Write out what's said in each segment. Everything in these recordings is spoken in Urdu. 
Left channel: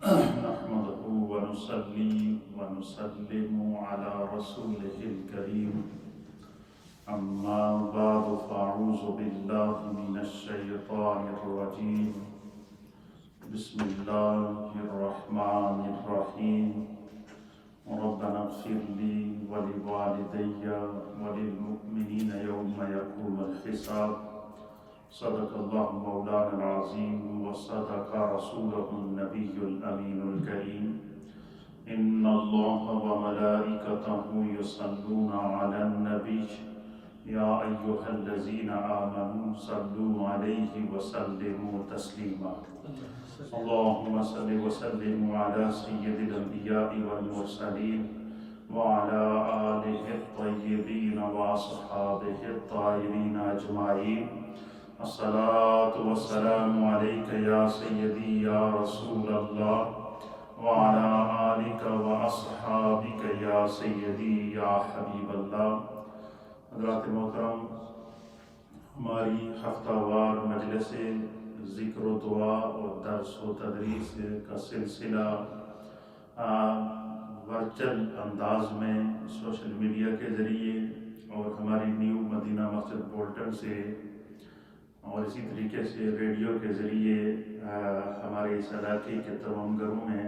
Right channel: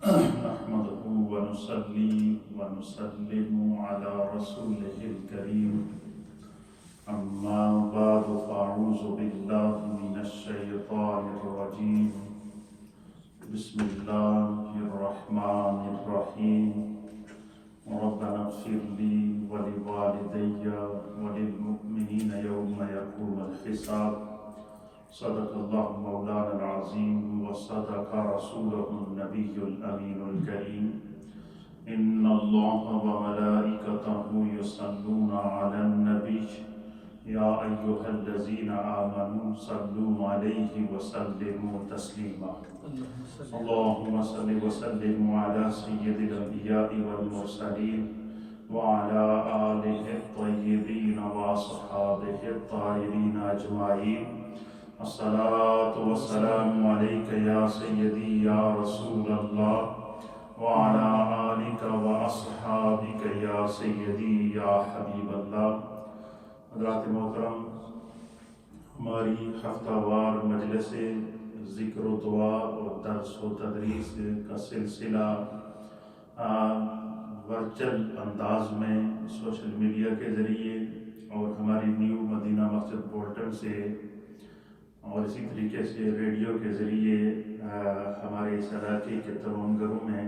نحمده ونصلي ونسلم على رسوله الكريم أما بعد فأعوذ بالله من الشيطان الرجيم بسم الله الرحمن الرحيم ربنا اغفر لي ولوالدي وللمؤمنين يوم يقوم الحساب صدق الله مولانا العظيم وصدق رسوله النبي الأمين الكريم إن الله وملائكته يصلون على النبي يا أيها الذين آمنوا صلوا عليه وسلموا تسليما اللهم صل وسلم على سيد الأنبياء والمرسلين وعلى آله الطيبين وأصحابه الطاهرين أجمعين الصلاة والسلام عليك يا سيدي يا رسول الله وعلى آلك وأصحابك يا سيدي يا حبيب الله. حضرات محترم، ہماری ہفتہ وار مجلس ذکر و دعا اور درس و تدریس کا سلسلہ ورچل انداز میں سوشل میڈیا کے ذریعے اور ہماری نیو مدینہ مسجد پورٹل سے اور اسی طریقے سے ریڈیو کے ذریعے ہمارے اس علاقے کے تمام گھروں میں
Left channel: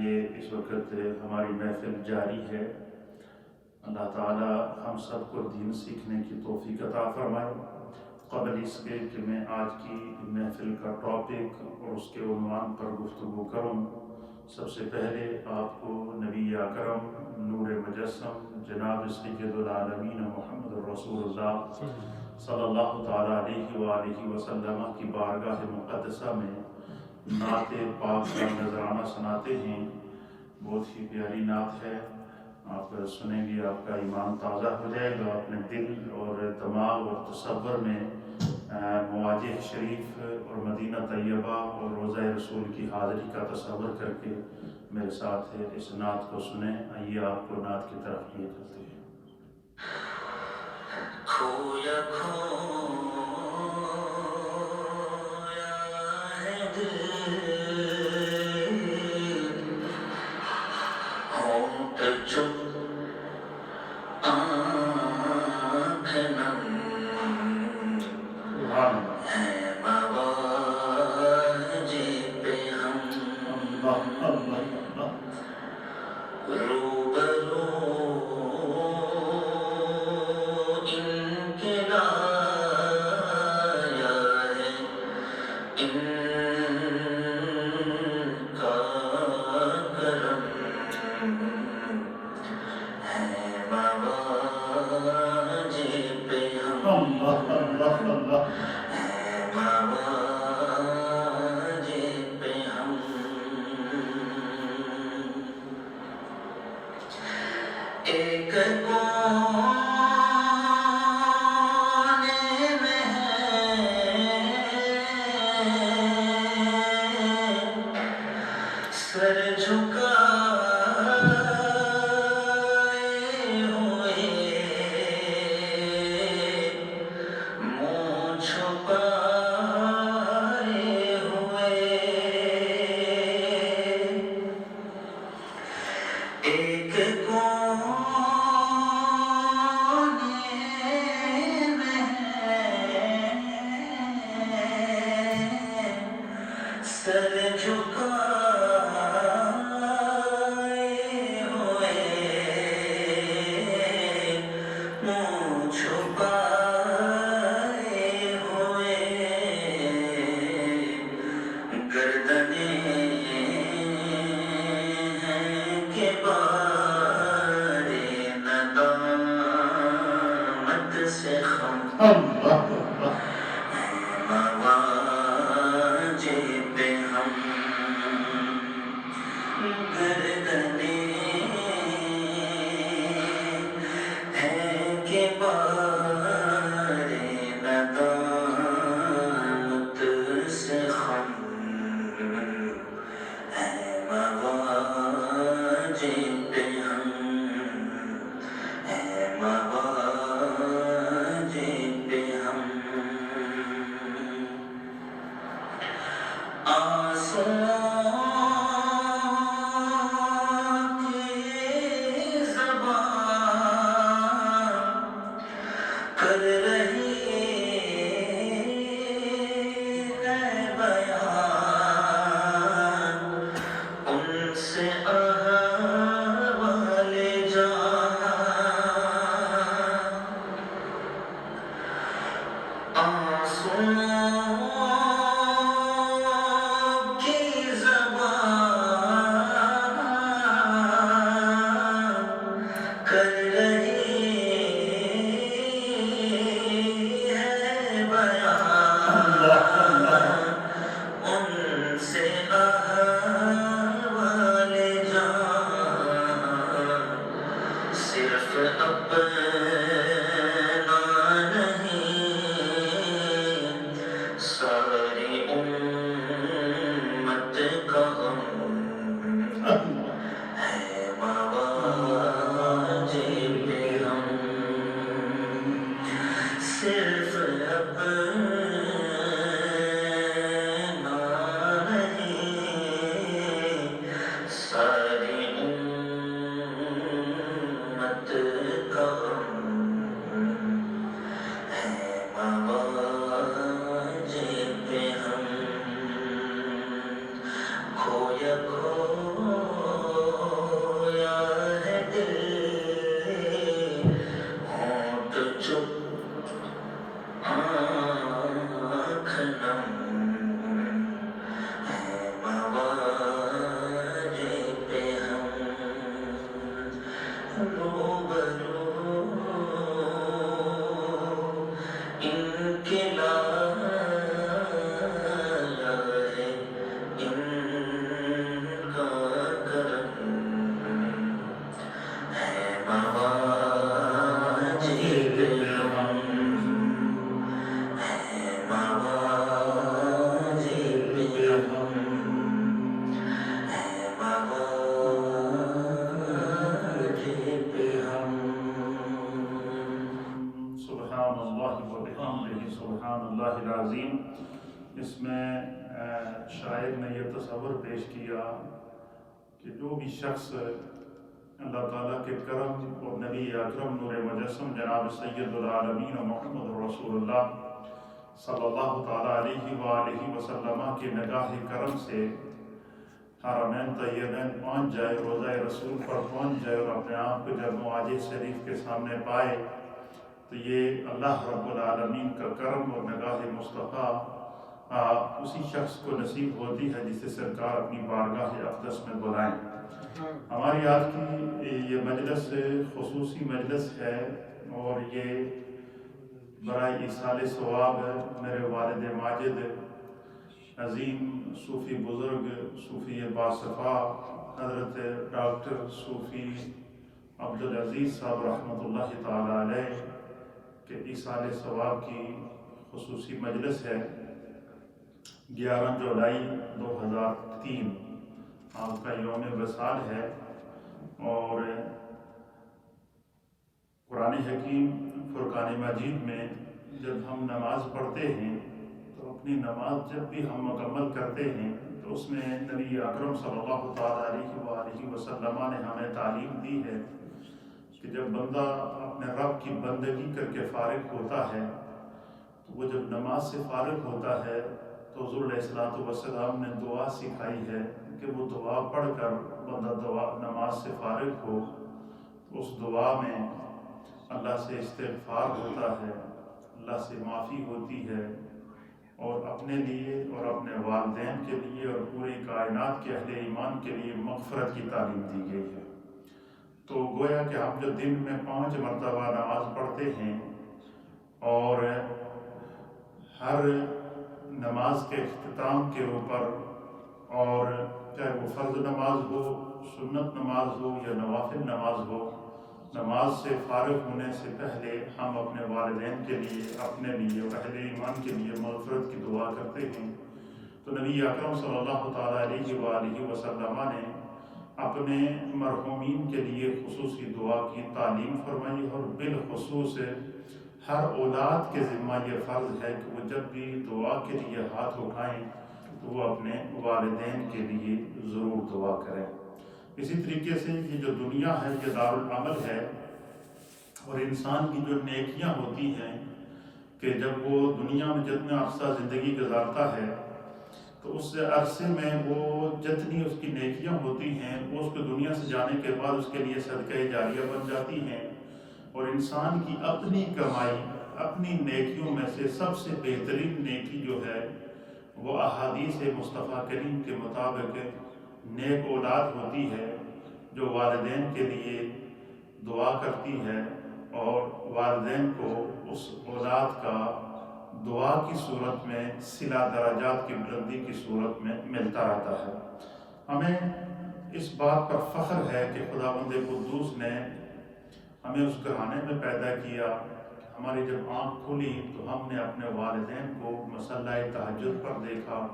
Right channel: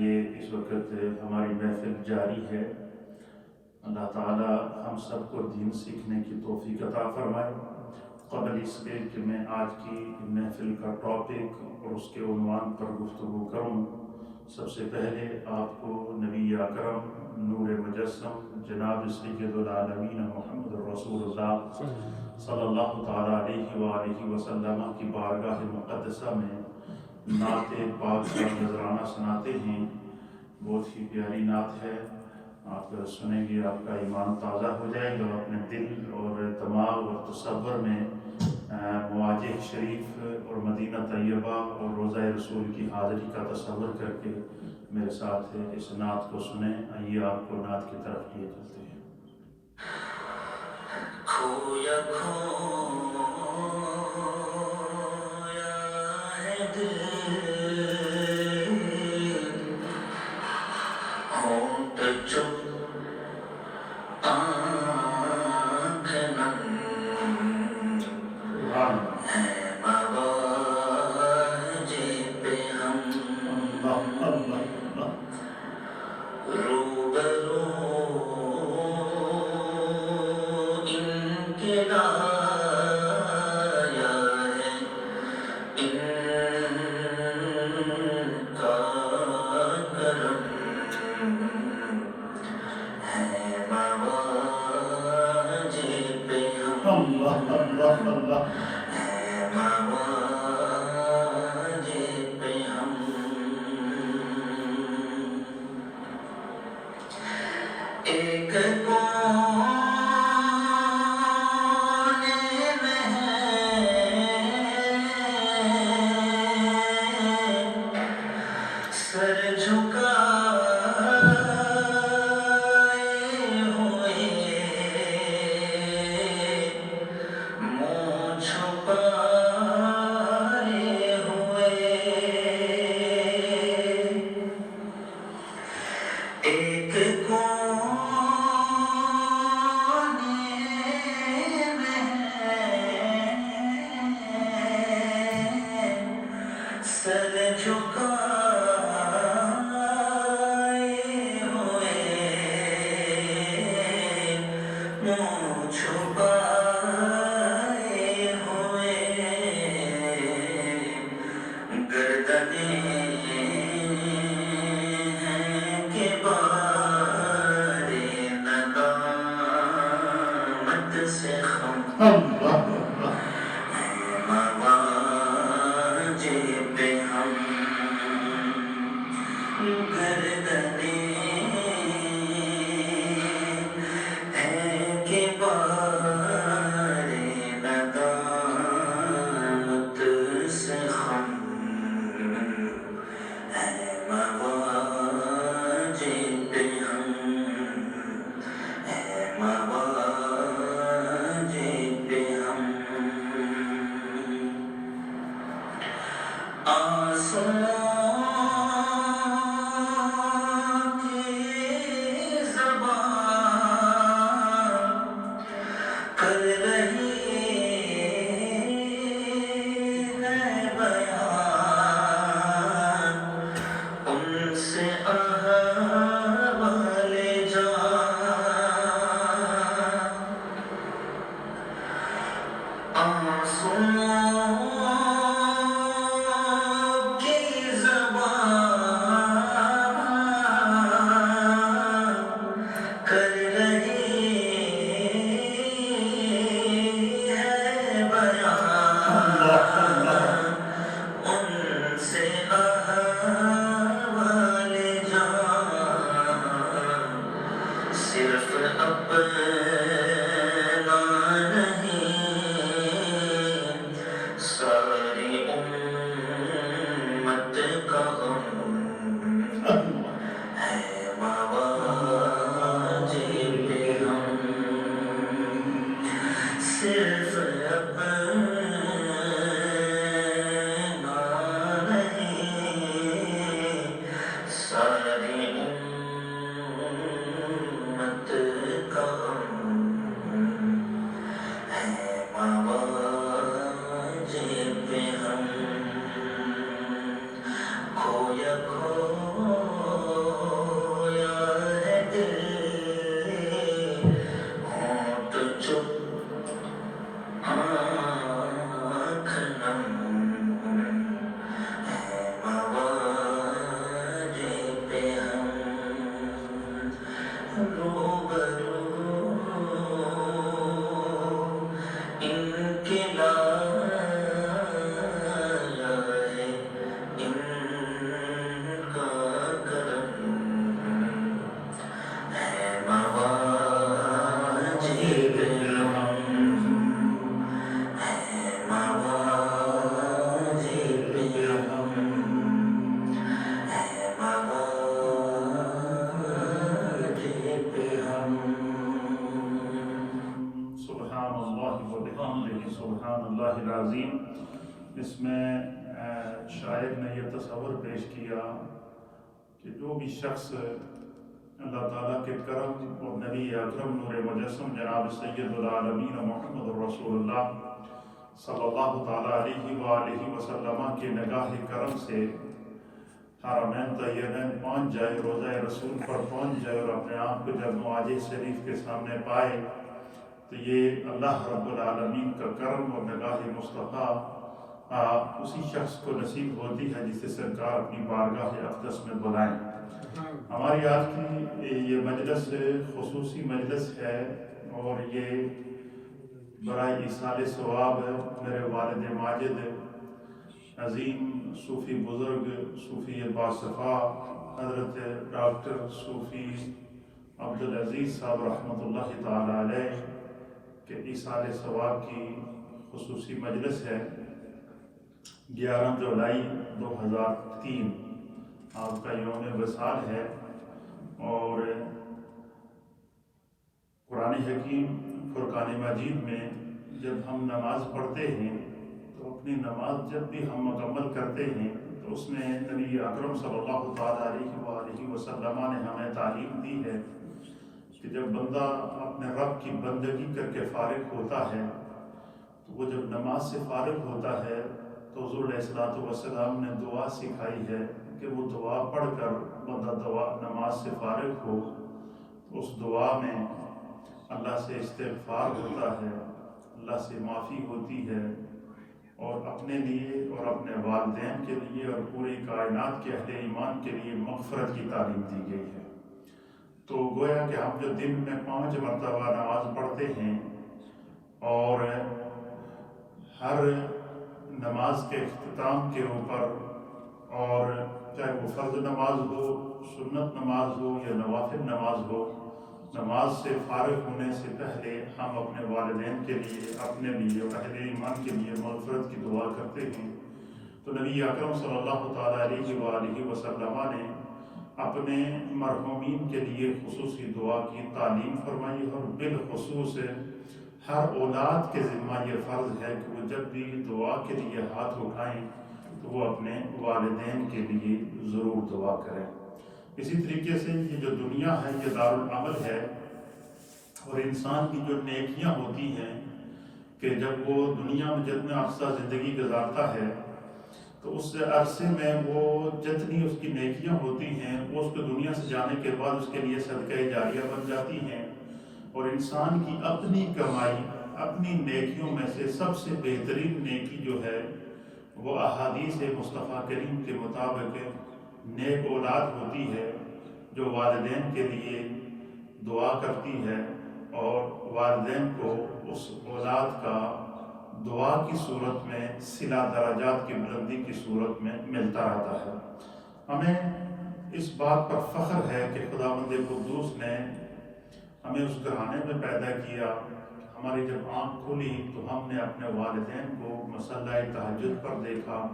یہ اس وقت ہماری محفل جاری ہے. اللہ تعالی ہم سب کو دین سیکھنے کی توفیق عطا فرمائے. قبل اس کے کہ میں آج کی محفل کا ٹاپک اور اس کے عنوان پر گفتگو کروں، سب سے پہلے آپ کو نبی اکرم نور مجسم جناب سید العالمین محمد رسول اللہ صلی اللہ تعالیٰ علیہ وآلہ وسلم کی بارگاہ مقدسہ میں نعت پاک کا نذرانہ سناتے ہیں. بہت ہی پیاری نعت ہے، آپ سنیں گے آپ کا ایمان تازہ ہو جائے گا. اپنے دل اور دماغ اور تصور میں مواجہ شریف اور مدینہ طیبہ اور روضہ رسول کی حاضری کا تصور کر کے میرے ساتھ اس نعت کو سنیں. آئیے آپ کو نعت کی طرف لیے چلتے ہیں. کھویا ہے دل ہونٹ چپ آنکھ نم ہے مواجہ پہ ہم روبرو ان کے لایا ہے ان کا کرم ہے مواجہ پہ ہم ہے مواجہ پہ ہم. ایک کونے میں ہے سر جھکائے ہوئے منہ چھپائے ہوئے ایک سر جھکائے ہوئے منہ چھپائے ہوئے گردنیں ہیں کہ بارے ندامت سے خم مواجہ پہ ہم گردنیں ہیں کہ بارے ندامت سے خم ہے مواجہ پہ ہم ہے مواجہ پہ ہم. آسان احوال جان صرف اپنا نہیں، ساری امت کا غم ہے مواجب ہم، صرف اپنا نہیں، ساری امت کا غم ہے مواجب ہم، کھویا کھویا ہے دل، ہونٹ چپ آنکھ نم، ہے مواجب ہم، روبرو ان کے لایا ہے ان کا کرم، ہے مواجب ہم، ہے مواجب ہم، ہے مواجب ہم۔ سبحان اللہ و بحمدہ سبحان اللہ العظیم۔ اس میں شاعر نے یہ تصور پیش کیا کہ جو بھی شخص اللہ تعالیٰ کے کرم اور نبی اکرم نور مجسم جناب سید العالمین محمد رسول اللہ صلی اللہ تعالیٰ علیہ وآلہ وسلم کے نگاہ کرم سے حرمین طیبین پہنچ جائے، روضہ رسول پر پہنچ جائے اور اپنے آپ کو جب معاج شریف کے سامنے پائے، تو یہ اللہ رب العالمین کا کرم اور نگاہ مصطفیٰ اسی شخص کو نصیب ہوتی ہے جسے سرکار اپنی بارگاہ اقدس میں بلائیں۔ ہماری آج کی یہ مجلس خصوصی مجلس ہے اور یہ برائے ایصال ثواب ہے۔ میرے والد ماجد عظیم صوفی بزرگ صوفی باصفا حضرت ڈاکٹر صوفی عبدالعزیز صاحب رحمۃ اللہ تعالی علیہ کے ایصال ثواب کی خصوصی مجلس ہے۔ 11 جولائی 2003 آپ کا یوم وصال ہے، اور قرآن حکیم فرقان مجید میں جب ہم نماز پڑھتے ہیں تو اپنی نماز جب بھی ہم مکمل کرتے ہیں تو اس میں نبی اکرم صلی اللہ تعالیٰ علیہ وآلہ وسلم نے ہمیں تعلیم دی ہے کہ جب بندہ اپنے رب کی بندگی کر کے فارغ ہوتا ہے تو وہ جب نماز سے فارغ ہوتا ہے تو حضور علیہ السلام نے دعا سکھائی ہے کہ وہ دعا پڑھ کر بندہ نماز سے فارغ ہو تو اس دعا میں اللہ سے استغفار ہوتا ہے، اللہ سے معافی ہوتی ہے، اور اپنے لیے اور اپنے والدین کے لیے اور پوری کائنات کے اہل ایمان کے لیے مغفرت کی تعلیم دی گئی ہے۔ تو گویا کہ ہم جو دن میں 5 مرتبہ نماز پڑھتے ہیں اور ہر نماز کے اختتام کے اوپر، اور چاہے وہ فرض نماز ہو، سنت نماز ہو یا نوافل نماز ہو، نماز سے فارغ ہونے سے پہلے ہم اپنے والدین کے لیے، اپنے لیے اور اہل ایمان کے لیے مغفرت کی دعا کرتے ہیں۔ تو نبی اکرم صلی اللہ تعالیٰ علیہ وآلہ وسلم نے اپنے مرحومین کے لیے خصوصی دعا کی تعلیم فرمائی، اور بالخصوص ہر اولاد کے ذمہ یہ فرض ہے کہ وہ جب بھی دعا کے لیے ہاتھ اٹھائیں تو وہ اپنے والدین کے لیے ضرور دعا کریں۔ اسی طریقے سے یہ جو دنیا ہے یہ دارالعمل ہے، اور انسان کی جو نیکیاں ہوتی ہیں کہ جب وہ دنیا میں جتنا عرصہ زندگی گزارتا ہے تو اس عرصے میں وہ جتنی اس کی نیکیاں ہوتی ہیں وہ اس کو دنیا سے جانے کے بعد اس کے لیے صدقہ جاریہ بن جاتی ہیں۔ اور انسان کی اپنی کمائی، اپنی نیکیوں میں سے سب سے بہترین نیکی جو ہے وہ احادیث مصطفیٰ کریم کے مطابق نیک اولاد ہوتی ہے، جو والدین کے لیے دعا کرتی ہے اور والدین کو اس اولاد کا دعا کی صورت میں، صلہ درجات کی بلندی کی صورت میں ملتا رہتا ہے۔ ہمیں اس بات پر فخر ہے کہ خداوند قدوس نے ہمیں اس گھرانے میں پیدا کیا۔ ہماری جب آنکھ کھلی تو ہم نے اپنے والدین کو مصلی تہجد پر دیکھا،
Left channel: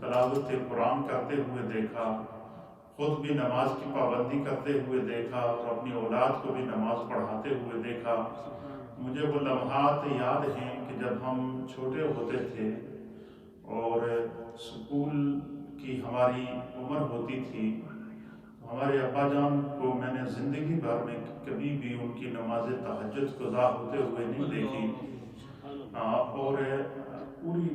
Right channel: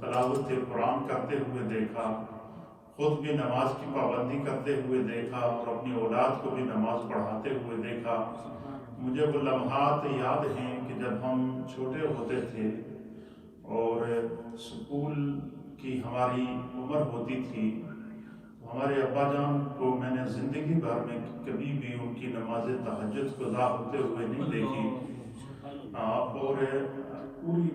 تلاوت قرآن کرتے ہوئے دیکھا، خود بھی نماز کی پابندی کرتے ہوئے دیکھا اور اپنی اولاد کو بھی نماز پڑھاتے ہوئے دیکھا۔ مجھے وہ لمحات یاد ہیں کہ جب ہم چھوٹے ہوتے تھے اور اسکول کی ہماری عمر ہوتی تھی، ہمارے ابا جان کو میں نے زندگی بھر میں کبھی بھی ان کی نماز تہجد قضا ہوتے ہوئے نہیں دیکھی، اور پوری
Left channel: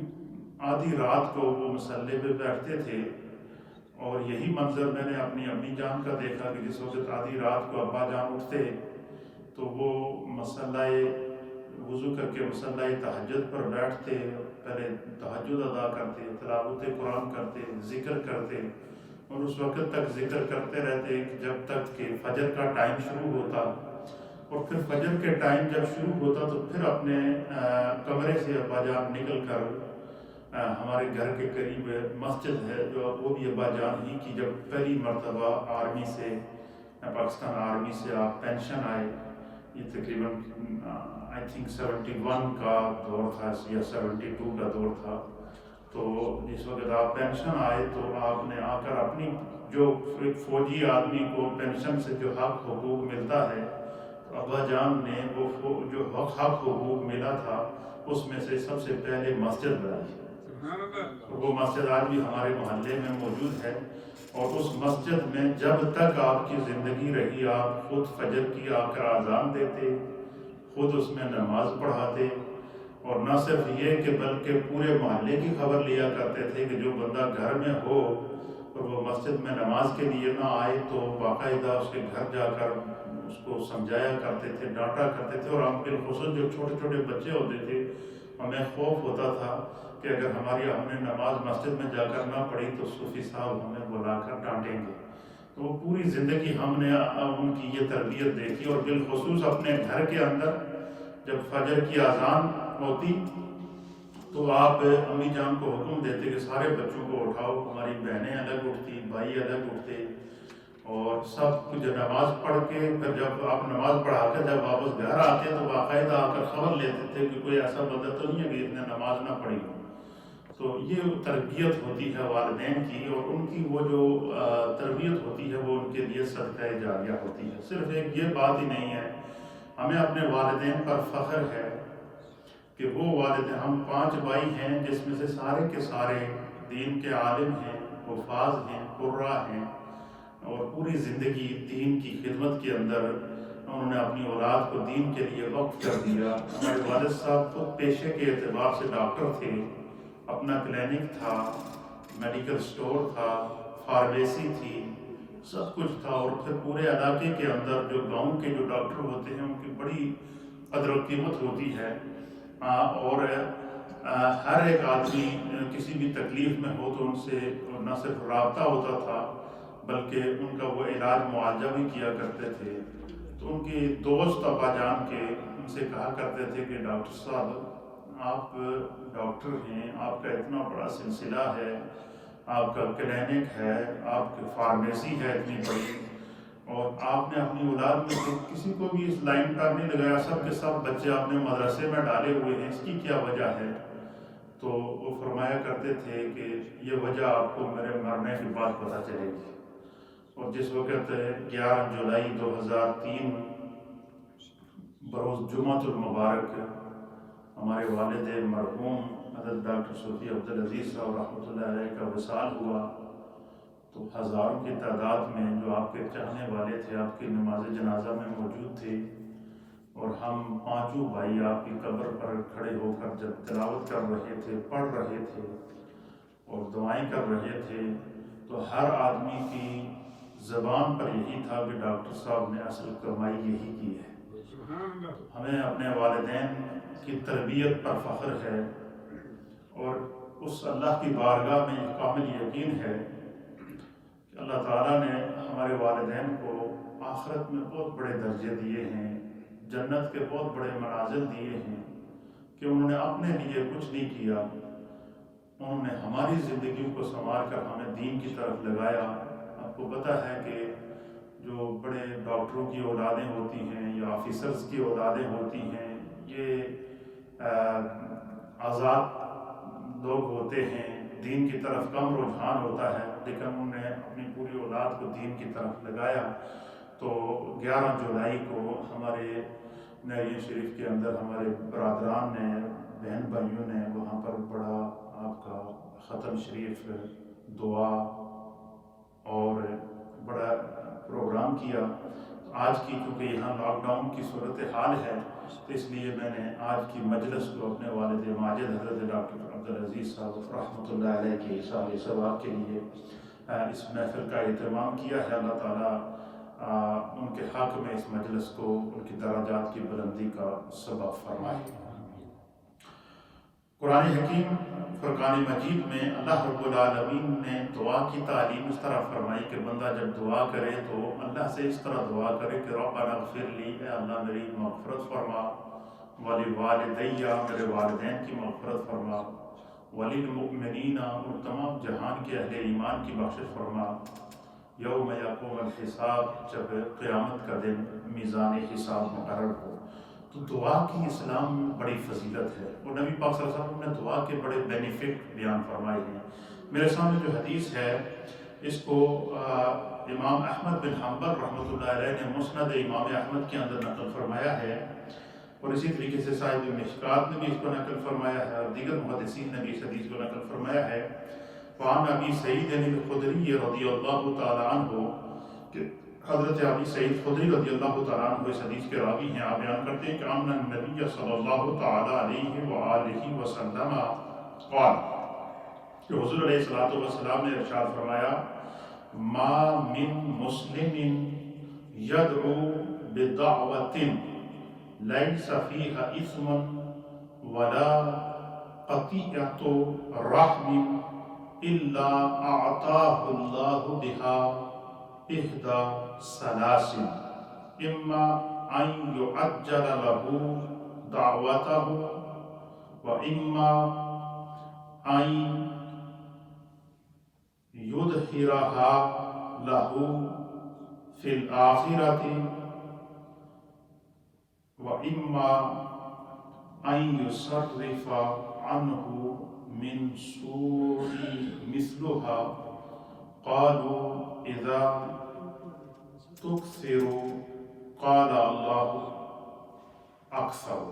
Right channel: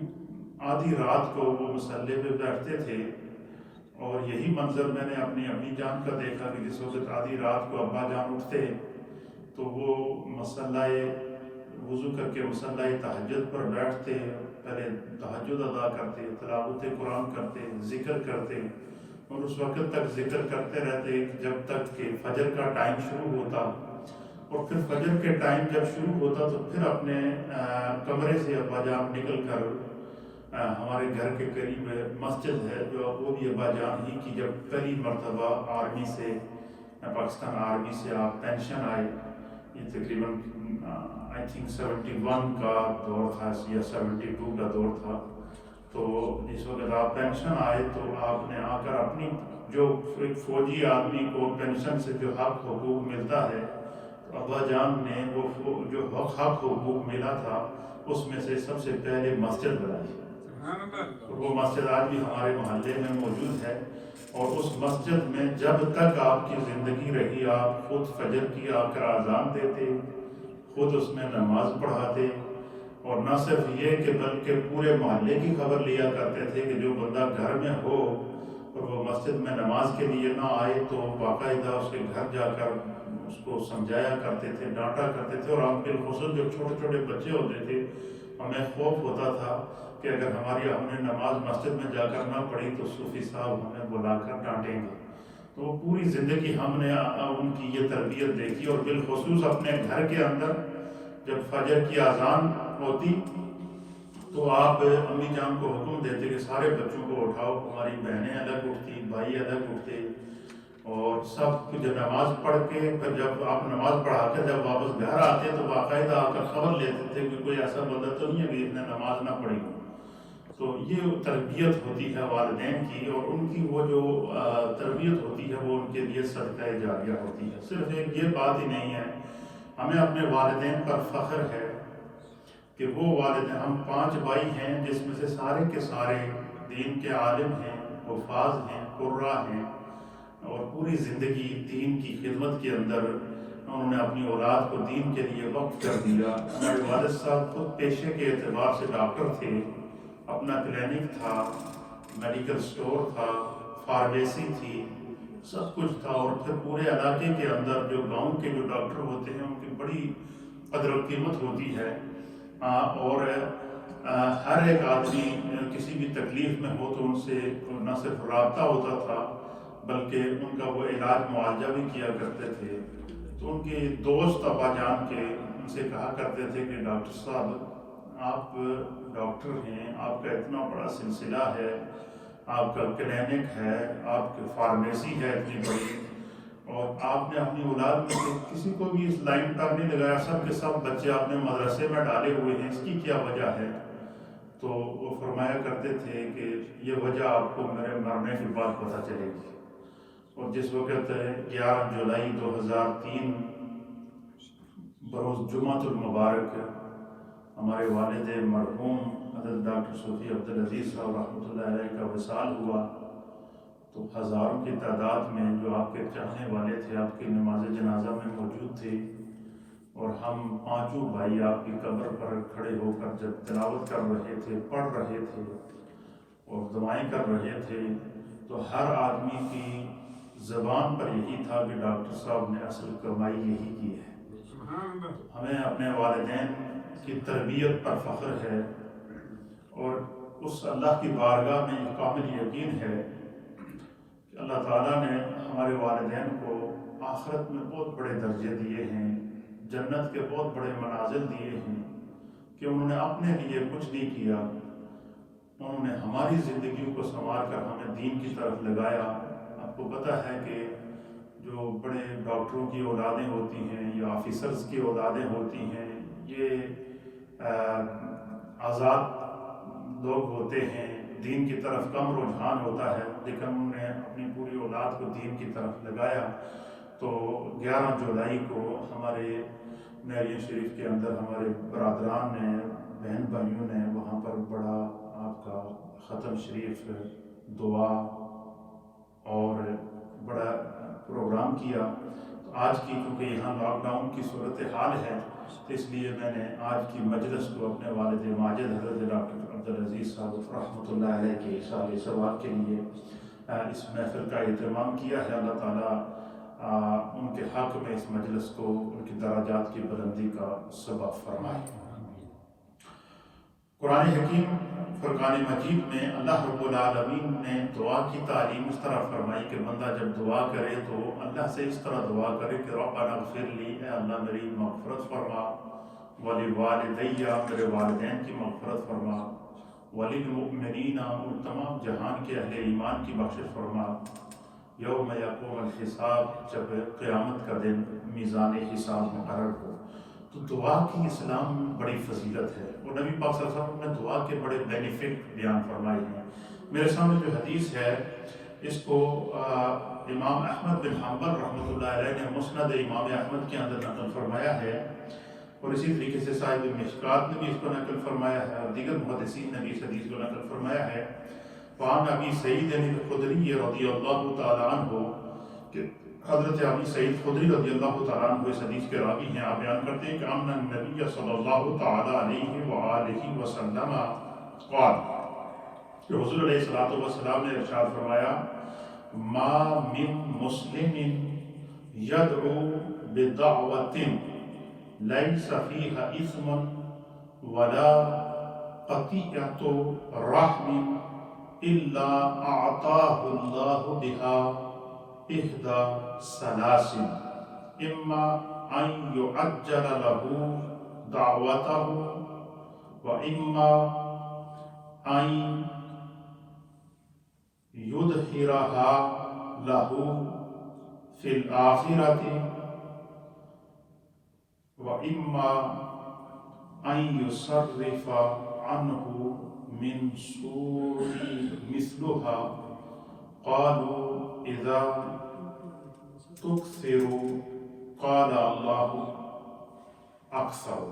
آدھی رات کو وہ مصلی پہ بیٹھتے تھے۔ اور یہی منظر میں نے اپنی امی جان کا دیکھا کہ جس وقت آدھی رات کو ابا جان اٹھتے تو وہ مصلی وضو کر کے مصلی تہجد پر بیٹھتے، پہلے تہجد ادا کرتے، تلاوت قرآن کرتے، ذکر کرتے، اور اس وقت تک ذکر کرتے رہتے جب تک کہ فجر کا ٹائم شروع ہوتا۔ اور پھر فجر کے ٹائم جب شروع ہوتا تو پھر اپنے کمرے سے ابا جان نکل کر ہمارے گھر کے قریب مسجد ہے جو وہ بھی ابا جان ہی کی جب پہلی مرتبہ آرمی سے، پاکستان آرمی سے آپ پینشن آئے، یہ تقریباً آئی تھنک 71 کا دور تھا یا 72 کا دور تھا۔ تو جس وقت آپ پینشن آئے تو آپ نے آ کر اپنی جو ایک فوجی آدمی کو پینشن سے جو حق حقوق ملتا ہے، ابا جان نے وہ جو حق حقوق ملا تھا اس میں سے سب سے پہلے مسجد بنائی۔ وہ مسجد آج بھی ہمارے محلے میں موجود ہے، اور اس مسجد میں جب تک آپ کی زندگی رہی آپ خود فجر کی آ کر اذان دیتے، خود اس میں نماز پڑھاتے، اور نہ صرف یہ کہ بلکہ پورے محلے کی خبر لیا کرتے تھے کہ جو بندہ گھر میں ہو اور وہ مسجد میں نماز کے لیے نہ آئے تو باقاعدہ اس کے گھر جا کر اس کو سمجھایا کرتے تھے، ڈانٹا کرتے تھے۔ اور ہم بالخصوص جو چھوٹے چھوٹے بچے ہوتے تھے، ہمیں خوف ہوتا تھا کہ اگر ہم نے نماز مسجد میں جا کر نہ پڑھی تو صوفی صاحب ہمیں بلا کر ڈانٹیں گے۔ تو پوری زندگی ہم نے ان کی یہ تربیت دیکھی، اور بالخصوص اپنے گھر کے اندر جب فجر کی اذان ہوتی تو آپ امی جان کو حکم دیتے کہ سارے بچوں کو اٹھاؤ، ہماری بہنیں الگ اٹھتی، بھائی الگ اٹھتے، اور سب جو نماز پڑھ کے پھر جب آپ نماز پڑھا کر جب واپس گھر آتے تو باقاعدہ آ کر خبر لیتے تھے کہ کوئی ایسا بندہ تو نہیں ہے کہ اس نے نماز نہ پڑھی۔ تو یہ تربیت ہوتی ہے والدین کی، اور ان کی وہ جو تربیت ہوتی ہے وہ ان کے لیے صدقہ جاریہ ہوتی ہے۔ صرف ایک یہ بات ہی نہیں ہے، ہمیں اپنے والدین پر فخر ہے کہ وہ والدین، ہم 5 بھائی ہیں جس میں سے سارے کے سارے دین کے عالم ہیں، حفاظ ہیں، قراء ہیں، اور پوری زندگی دین کی خدمت کے اندر انہوں نے اپنی اولاد کو دین کے لیے وقف کر دیا۔ ہمارے والد صاحب خود پیشے کے اعتبار سے ڈاکٹر تھے، اپنا کلینک تھا، میڈیکل سٹور تھا، فارمیسی تھی، سب کچھ تھا، اور پھر پورے علاقے کے اندر جو گاؤں کے جو ڈاکٹر ہوتے ہیں ان کی بڑی قدر و قیمت ہوتی ہے، اور ہر ایک آدمی کسی بھی تکلیف میں ہو تو ان سے نہ صرف رابطہ ہوتا تھا بلکہ ان کا وہ علاج معالجہ بھی کیا کرتے تھے۔ تو ان کے دوست ابا جان کے ان سے کہا کرتے تھے کہ ڈاکٹر صاحب آپ ڈاکٹر ہیں، آپ کا اتنا بڑا سلسلہ ہے، آپ کا کلینک ہے، آپ کی فارمیسی ہے اتنی بڑی، اور آپ نے اپنی اولاد میں سے کسی کو بھی اس لائن پر نہیں لگایا، سب کے سب بچے آپ نے مدرسے میں ڈالے ہوئے ہیں، اس کی کیا وجہ ہے؟ تو وہ فرمایا کرتے تھے کہ یہ وجہ آپ کو میرے مرنے کے بعد پتہ چلے گی۔ اور جس وقت 11 جولائی 2003 بروز جمعۃ المبارک ہمارے والد مرحوم حضرت ڈاکٹر صوفی عبدالعزیز صاحب رحمۃ اللہ علیہ کا وصال ہوا، تو ہزاروں کی تعداد میں جو آپ کے چاہنے والے تھے آپ کی نماز جنازہ میں موجود تھے، اور ہم 5 بھائی آپ کی قبر پر کھڑے ہو کر جب تلاوت کر رہے تھے، پڑھ رہے تھے اور دعائیں کر رہے تھے، تو ہر آدمی کی زبان پر یہی تھا کہ ڈاکٹر صاحب نے اصل کمائی یہی کی ہے۔ ہمیں اپنے والدین کی تربیت پر فخر ہے، اور اس اللہ کی بارگاہ میں یہ کامل یقین ہے کہ اللہ تعالیٰ نے ہمارے والدین کو آخرت میں بہت بڑے درجے دیے ہیں، جنت کے بہت بڑے منازل دیے ہیں، کہ انہوں نے اپنے لیے کچھ نہیں کیا، انہوں نے ہماری زندگیوں کو سنوار کر ہمیں دین کی طرف لگایا۔ آپ کو پتہ ہے کہ جو بڑے ڈاکٹروں کی اولادیں ہوتی ہیں یا آفیسرز کی اولادیں ہوتی ہیں، یہ آزاد لوگ ہوتے ہیں، دین کی طرف کم رجحان ہوتا ہے، لیکن انہوں نے اپنی پوری اولاد کو دین کی طرف لگایا۔ تو 11 جولائی کو ہمارے نعیم شریف کے اندر ہمارے برادران نے، بہن بھائیوں نے وہاں پر بڑا آپ کا ختم شریف، دعا اور بڑا پروگرام کیا۔ آج کی کیونکہ یہاں لاک ڈاؤن کی صورتحال ہے، تو اس لیے میں نے آج کی مجلس کو اپنے والد ماجد حضرت ڈاکٹر عبدالعزیز صاحب رحمۃ اللہ علیہ کی سال ثواب کے لیے اس محفل کا اہتمام کیا ہے۔ اللہ تعالیٰ ان کے حق میں اس مجلس کو ان کی درجات کی بلندی کا سبب فرمائے۔ قرآن حکیم فرقان مجید میں اللہ رب العالمین نے دعا کی تعلیم اس طرح فرمائی کہ بندہ جب دعا کرے تو اللہ سے اس طرح دعا کرے کہ ربنا اغفر لی، اے اللہ میری مغفرت فرما، ولوالدیہ، میرے والدین کی مغفرت فرما، وللمؤمنین، اور تمام جہان کے اہل ایمان کی بخشش فرما، یوم یقوم الحساب، جب قیامت کا دن میزان حساب مقرر ہو۔ تو دعا کی اسلام میں بڑی فضیلت ہے، اور نبی پاک صلی اللہ علیہ وسلم نے دعا کے بڑے بینیفٹ بیان فرمائے ہیں۔ میرے سامنے جو حدیث ہے اس کو امام احمد بن حنبل رحمۃ اللہ علیہ نے مسند امام احمد کے اندر نقل فرمایا ہے، اور اسی طریقے سے صاحب مشکات نے بھی اس کو نقل فرمایا ہے، اور دیگر محدثین نے بھی اس حدیث کو نقل فرمایا ہے۔ وعن ابی سعید الخدری رضی اللہ تعالیٰ عنہ، کہ حضرت ابی سعید خدری رضی اللہ تعالیٰ عنہ اس حدیث کے راوی ہیں، آپ بیان کرتے ہیں کہ ان النبی صلی اللہ تعالیٰ علیہ وآلہ وسلم قال، کہ حضور علیہ الصلوۃ نے ارشاد فرمایا، ما من مسلم یدعو بدعوۃ لیس فیہا اثم ولا قطیعۃ رحم الا اعطاہ اللہ بها احدى ثلاث، اما ان يعجل له دعوته واما ان يظهرها له في الآخرة واما ان يصرف عنه من سوء مثلها۔ قالوا اذا تكثر قال اللہ اکثر،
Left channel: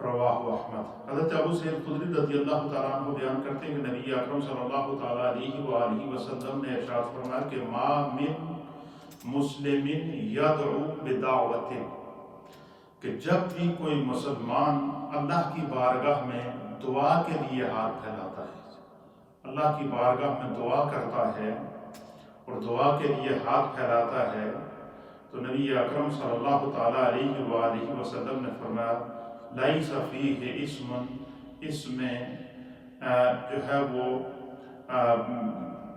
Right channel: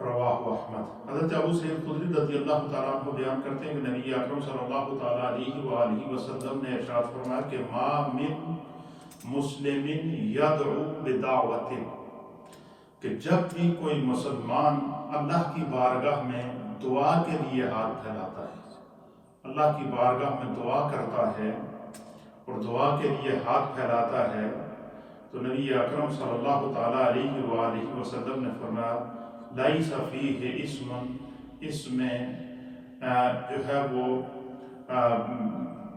رواہ احمد۔ حضرت ابو سعید خدری رضی اللہ تعالیٰ عنہ بیان کرتے ہیں کہ نبی اکرم صلی اللہ تعالیٰ علیہ وآلہ وسلم نے ارشاد فرمایا کہ ما من مسلم یدعو بدعوت، کہ جب بھی کوئی مسلمان اللہ کی بارگاہ میں دعا کے لیے ہاتھ پھیلاتا ہے، اللہ کی بارگاہ میں دعا کرتا ہے اور دعا کے لیے ہاتھ پھیلاتا ہے، تو نبی اکرم صلی اللہ تعالیٰ علیہ وآلہ وسلم نے فرمایا لیس فیہ اسم، اس میں جو ہے وہ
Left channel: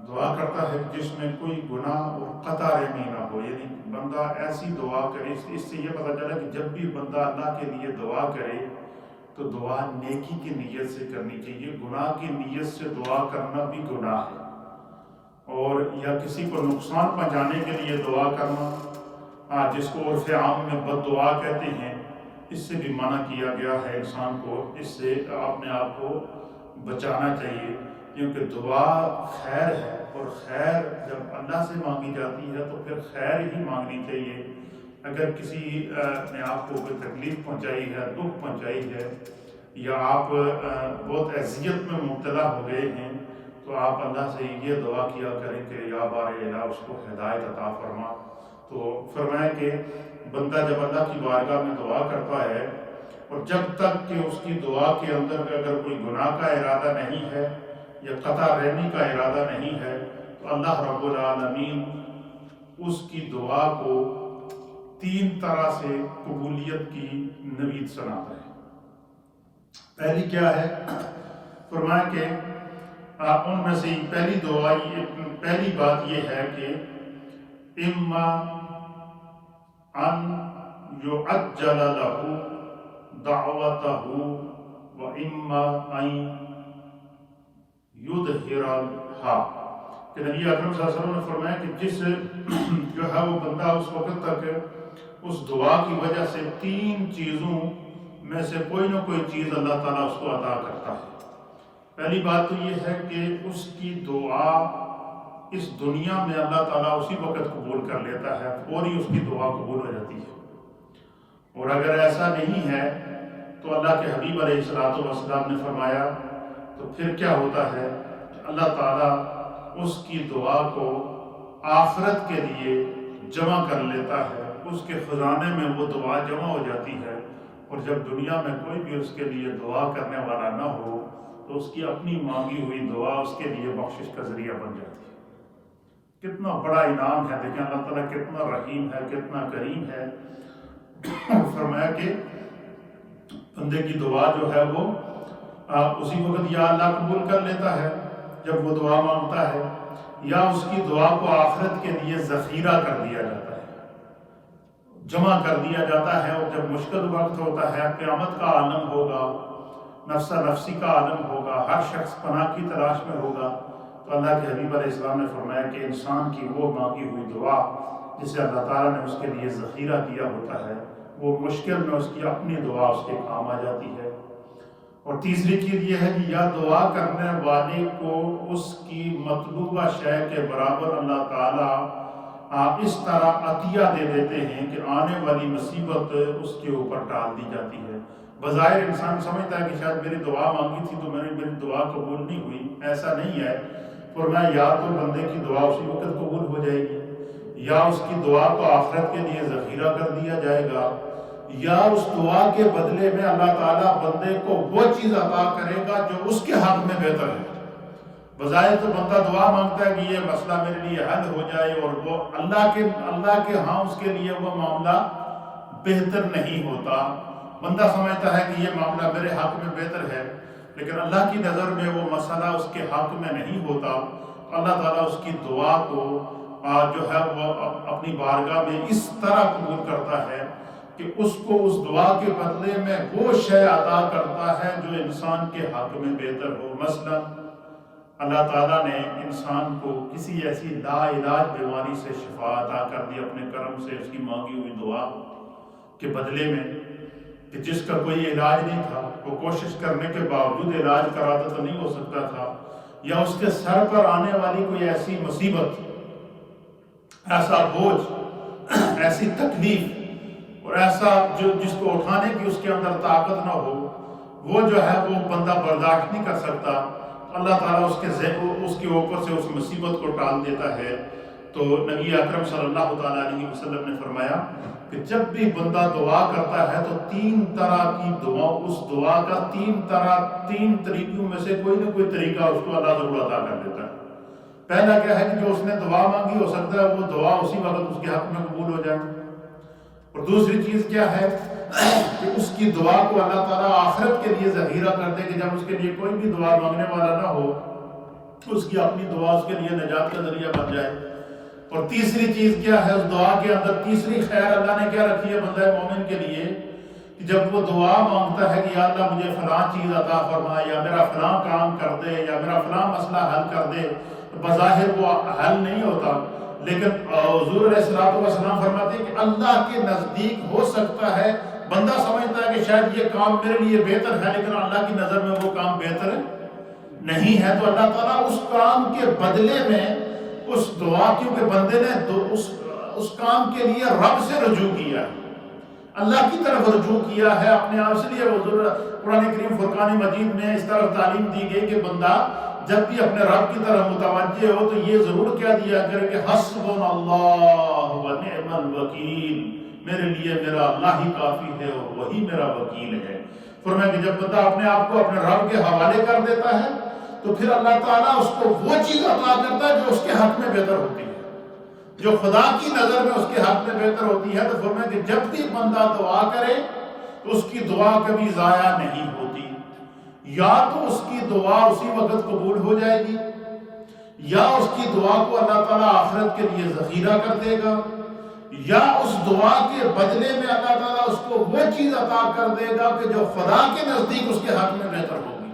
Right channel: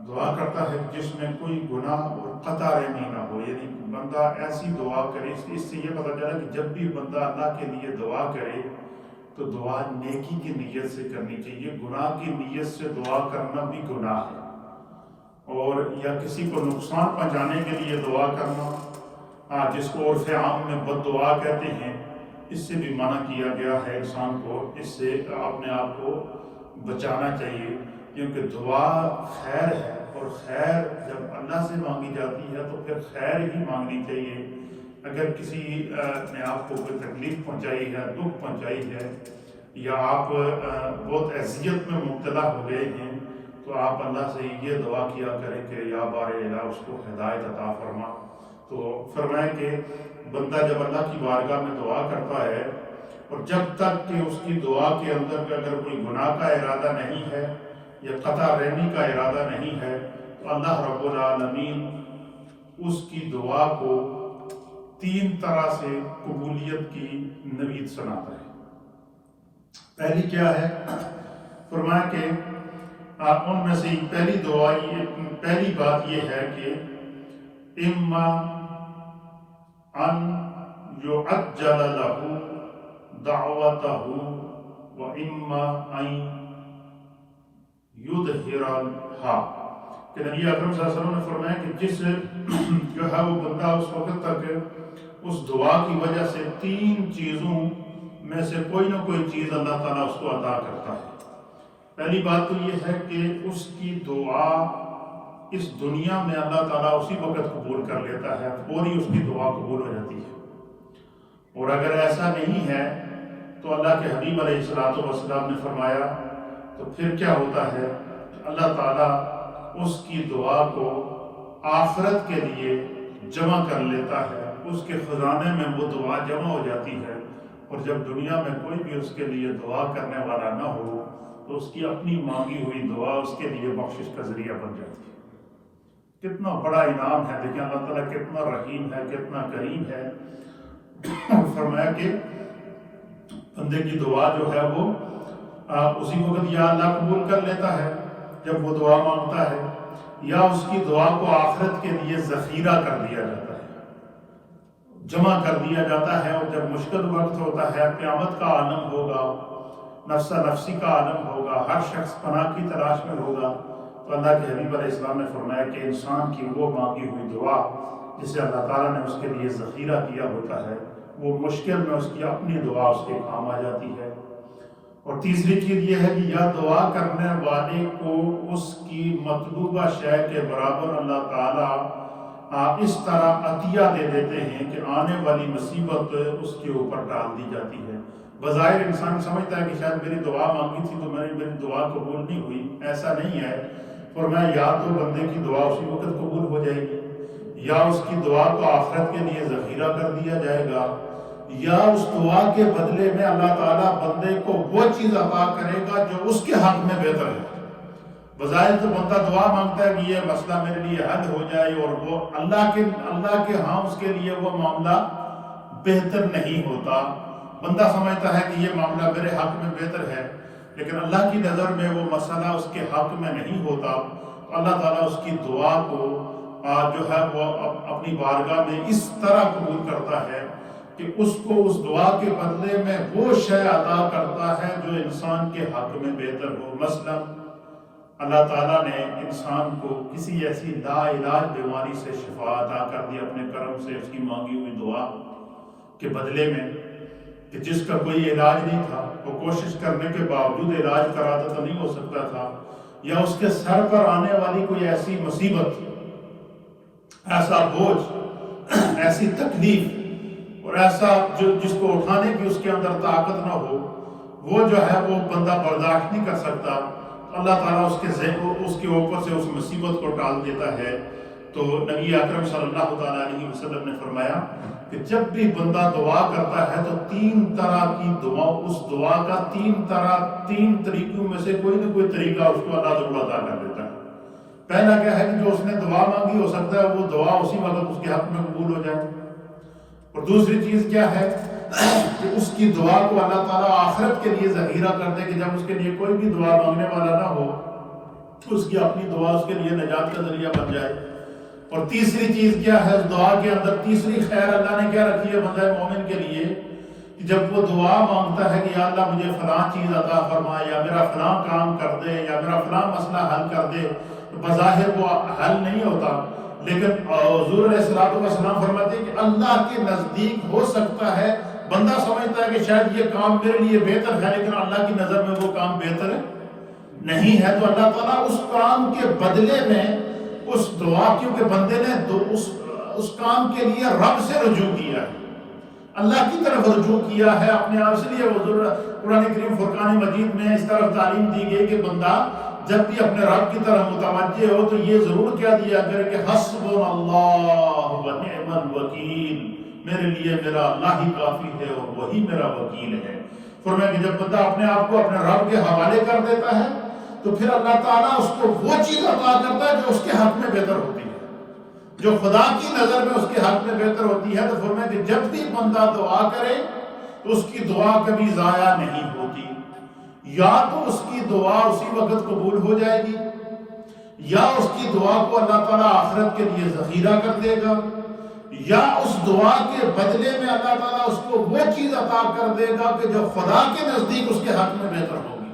دعا کرتا ہے جس میں کوئی گناہ اور قطع رحمی نہ ہو، یعنی بندہ ایسی دعا کرے۔ اس سے یہ پتہ چلا کہ جب بھی بندہ اللہ کے لیے دعا کرے تو دعا نیکی کی نیت سے کرنی چاہیے، گناہ کی نیت سے دعا کرنا بھی گناہ ہے، اور یا کسی کو نقصان پہنچانے کے لیے دعا کرنا، جس کو عرف عام میں بد دعا کہتے ہیں، اس سے بھی منع کیا گیا ہے انسان کو، اس سے اپنے آپ کو بچانا چاہیے، کیونکہ دعا خیر ہے، اور خیر جب اللہ سے مانگی جاتی ہے تو پھر خیر ہی مانگنی چاہیے۔ اگر کسی نے آپ کو کوئی تکلیف پہنچائی ہے، دکھ پہنچائی ہے، یا آپ بہت اذیت میں مبتلا ہو گئے ہیں، تو آپ اللہ سے یہ دعا کیا کریں کہ یا بار الہ اس کو ہدایت عطا فرما۔ تو فرمائیں کہ بندہ جب اللہ کی بارگاہ میں دعا کرتا ہے، اور جب تک کہ اس کی دعا کے اندر اگر کوئی گناہ کا ارادہ نہیں ہے یا قطع رحمی کا ارادہ نہیں ہے، تو اللہ رب العالمین اس کی دعا کو 3 طرح سے قبولیت کی نوید سناتا ہے۔ پہلی کیا ہے؟ فرمایا کہ ان میں سے پہلی دعا، پہلی بات یہ ہے کہ اما ان یعجل له دعوته وَإِمَّا أَن يُظْهِرَهَا، کہ نبی اکرم صلی اللہ علیہ وسلم نے فرمایا کہ جس جو ہے وہ بندہ اس وقت تک اس دعا کی وجہ سے 3 چیزوں میں سے کوئی نہ کوئی چیز اللہ تعالیٰ اس کو عطا کرتا ہے۔ پہلی بات تو یہ ہے کہ اس کی دعا اس دنیا میں اللہ تعالیٰ اسی وقت قبول کر لیتا ہے، فوری اس کی دعا قبول ہو جاتی ہے۔ اور اگر ایسا نہیں ہے تو اللہ کے حبیب علیہ السلام نے فرمایا تو پھر کیا ہوتا ہے، اللہ تعالیٰ اس کی دعا کو آخرت کے لیے جمع کر لیتا ہے، اس کے خزانے میں وہ دعا جمع ہو جاتی ہے، اور جب دنیا میں کوئی بھی اس کے لیے دعا کرنے والا نہ ہو تو اس کی اپنی مانگی ہوئی دعا اس کے لیے بخشش کا ذریعہ بن جاتی ہے۔ کتنا بڑا انعام ہے، دیکھیں اللہ تعالیٰ کتنا رحیم ہے، کتنا کریم ہے۔ فرمایا کہ بندے کی دعا جو ہے وہ اسی وقت یا اللہ قبول کر لیتا ہے جب وہ دعا مانگتا ہے، یا اس کی دعا کو آخرت کے لیے ذخیرہ کر دیا جاتا ہے، جمع کر دیا جاتا ہے۔ اور جب مشکل وقت ہوتا ہے، قیامت کا عالم ہوگا، نفسہ نفسی کا عالم ہوگا، ہر شخص پناہ کی تلاش میں ہوگا، تو اللہ کے حبیب علیہ السلام نے فرمایا کہ انسان کی وہ مانگی ہوئی دعا جسے اللہ تعالیٰ نے اس کے لیے ذخیرہ کیا ہوتا ہے، وہ مشکل میں اس کی اپنی دعا اس کے کام آ جاتی ہے۔ اور تیسری چیز یہ ہے کہ یا دعا کرنے والے کو اس کی مطلوبہ شے کے برابر اللہ تعالیٰ اس طرح عطیہ دے دیتے ہیں کہ آنے والی مصیبت اس کے اوپر ڈال دی جاتی ہے۔ بظاہر انسان سمجھتا ہے کہ شاید میری دعا مانگی تھی تو میری دعا قبول نہیں ہوئی، ایسا نہیں ہے۔ فرمایا یا تو بندے کی دعا اسی وقت قبول ہو جائے گی، یا اس کی دعا کو آخرت کے لیے ذخیرہ کر دیا جائے گا، یا اس دعا کے بدلے میں اللہ تعالیٰ بندے کو وہ چیز عطا کرے گا جو اس کے حق میں بہتر ہے۔ بظاہر تو بندہ دعا مانگتا ہے کہ یہ مسئلہ میرے لیے حل ہو جائے، اور وہ اللہ کے ہاں اس کے لیے وہ معاملہ بہتر نہیں ہوتا۔ بندہ سمجھتا ہے کہ یہ معاملہ میرے حق میں بہتر ہے، لیکن اللہ کی نظر میں وہ مسئلہ اس کے حق میں نہیں ہوتا، تو اللہ تعالیٰ اس کی دعا کو جو ہے وہ اپنی بارگاہ میں اس طرح قبول کرتا ہے کہ اس کو اس دعا کے بدلے میں وہ شے عطا کرتا ہے جو انسان کے حق میں بہتر ہو۔ مثلا اللہ تعالیٰ نے انسان کو کسی ایسی لا علاج بیماری سے شفا عطا کر دی اپنے کرم سے، اس کی مانگی ہوئی دعا کے بدلے میں، کہ جس کا کوئی علاج نہیں تھا، وہ کوشش کرنے کے باوجود علاج کراتا تو نہیں ہو سکتا تھا، یا اس کے سر پر آنے والی کوئی ایسی مصیبت، ایسا بوجھ، ایسی تکلیف اور ایسا جس کو اٹھانے کی اس کے اندر طاقت نہ ہو، وہ جو ہے وہ بندہ برداشت نہیں کر سکتا، تو اللہ تعالیٰ اس کے اوپر سے اس مصیبت کو ٹال دیتا ہے۔ تو نبی اکرم صلی اللہ تعالیٰ علیہ وسلم نے فرمایا کہ جب بھی بندہ دعا کرتا ہے تو 3 طرح کی دعا، اس دعا کا 3 طریقوں میں سے کوئی نہ کوئی طریقہ اس کو اللہ ضرور عطا کر دیتا ہے۔ پہلا کیا ہے کہ جو اس نے دعا مانگی ہو سکتا ہے وہ دعا اسی وقت اس کے حق میں قبول ہو جائے، اور دوسری چیز کیا ہے کہ اس کی دعا کو اللہ تعالیٰ آخرت کے لیے ذخیرہ کر دے کہ جب اس کے لیے کوئی بھی دعا مانگنے والا نہ ہو، اس کی اپنی دعا اس کے لیے نجات کا ذریعہ بن جائے۔ اور تیسری چیز کیا ہے، اس دعا کے اندر تیسری خیر اللہ نے کیا رکھی ہے بندہ مومن کے لیے، کہ جب وہ دعا مانگتا ہے کہ یا اللہ مجھے فلاں چیز عطا فرمائے، یا میرا فلاں کام کر دے، یا میرا فلاں مسئلہ حل کر دے، تو بظاہر وہ حل نہیں ہوتا، لیکن حضور علیہ السلام فرماتے ہیں کہ اللہ کے نزدیک ہو سکتا ہے، بندہ سمجھتا ہے کہ شاید یہ کام میرے لیے بہتر ہے، لیکن اللہ کی نظر میں وہ کام بہتر نہیں ہے، تو اللہ تعالیٰ اس کام کے بدلے میں اس دعا، کیونکہ بندے نے اس کام کے لیے رب سے رجوع کیا ہے، اللہ کی طرف رجوع کیا ہے اپنے آپ سے، لیے حضور قرآن کریم فرقان مجید میں اس طرف تعلیم دی گئی کہ بندہ جب بھی اپنے رب کی طرف متوجہ ہو تو یہ ضرور کیا دیا کرے کہ حسبنا اللہ و نعم الوکیل، میرے لیے میرا اللہ ہی کافی ہے اور وہی میرا وکیل ہے۔ فرمایا کہ جب بندہ اپنے آپ کو اپنے رب کے حوالے کر دیتا ہے تو پھر اللہ تعالیٰ اس کو وہ چیز عطا کرتا ہے جو اس کے حق میں بہتر ہوتی ہے، جو خدا کی نظر میں اس کے حق میں بہتر ہوتی ہے۔ تو فرمایا کہ جب بھی بندہ دعا کرے تو اس کی دعا کبھی ضائع نہیں ہوتی، یا تو اس کی دعا اسی وقت قبول ہو جائے گی، یا اس کی دعا کو اللہ تعالیٰ آخرت کے لیے ذخیرہ کر دے گا، یا اس دعا کے بدلے میں اللہ تعالیٰ اس کو وہ چیز عطا کر دے گا کہ جو خدا کے نزدیک اس کے حق میں بہتر ہوگی،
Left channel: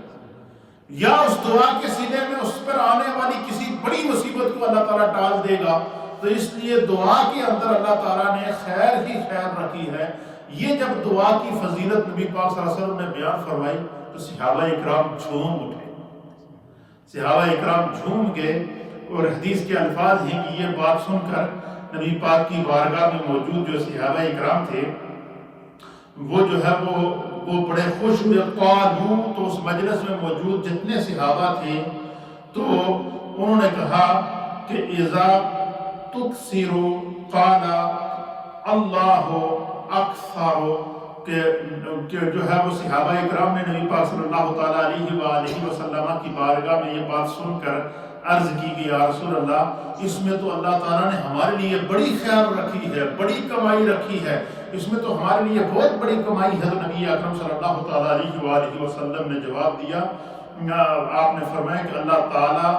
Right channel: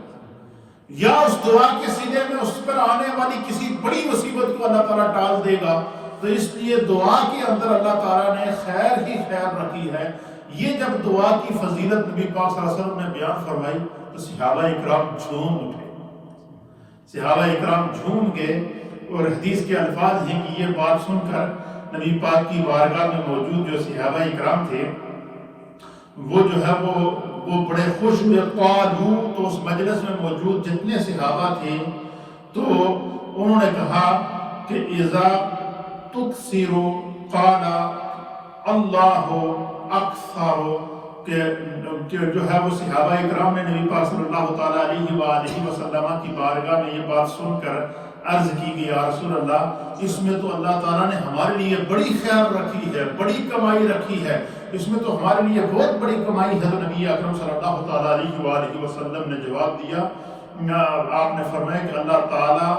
یا اس دعا کے سینے میں اس پر آنے والی کسی بڑی مصیبت کو اللہ تعالیٰ ٹال دے گا۔ تو اس لیے دعا کے اندر اللہ تعالیٰ نے خیر ہی خیر رکھی ہے۔ یہ جب دعا کی فضیلت نبی پاک صلی اللہ علیہ وسلم نے بیان فرمائی تو صحابہ اکرام جھوم اٹھے، صحابہ اکرام جھوم گئے، اور حدیث کے الفاظ ہیں کہ یہ بات سن کر نبی پاک کی بارگاہ میں موجود جو صحابہ اکرام تھے وہ جو ہے وہ بڑے خوش ہوئے۔ قالوا، تو اس مجلس میں موجود جتنے صحابہ تھے تو انہوں نے کہا کہ اذا تکثروا قال اللہ اکثر، کہ جو ہے وہ صحابہ اکرام نے نبی پاک صلی اللہ تعالیٰ علیہ وآلہ وسلم کی بارگاہ میں یہ بات سن کر عرض کی کہ یا رسول اللہ، اس میں تو اللہ تعالیٰ نے ہمارے لیے بڑی خیر رکھی ہے، بڑی کمائی رکھی ہے، اس میں تو ہمارے لیے بہت بڑی کمائی ہے۔ تو نبی اکرم صلی اللہ تعالیٰ علیہ وآلہ وسلم نے جواب دیا، آپ نے فرمایا کہ اللہ تعالیٰ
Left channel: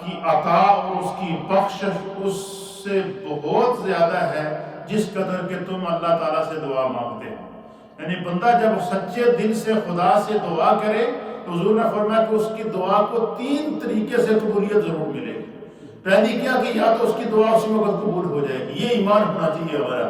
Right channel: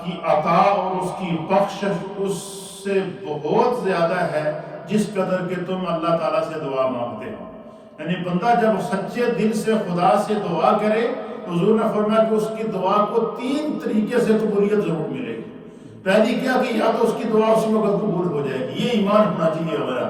کی عطا اور اس کی بخشش اس سے بہت زیادہ ہے جس قدر کہ تم اللہ تعالیٰ سے دعا مانگتے ہو۔ یعنی بندہ جب سچے دل سے خدا سے دعا کرے تو حضور نے فرمایا کہ اس کی دعا کو 3 طریقے سے قبولیت ضرور ملے گی۔ پہلی کیا کہ یا تو اس کی دعا اسی وقت قبول ہو جائے گی، یہ ایمان ہونا چاہیے ہمارا۔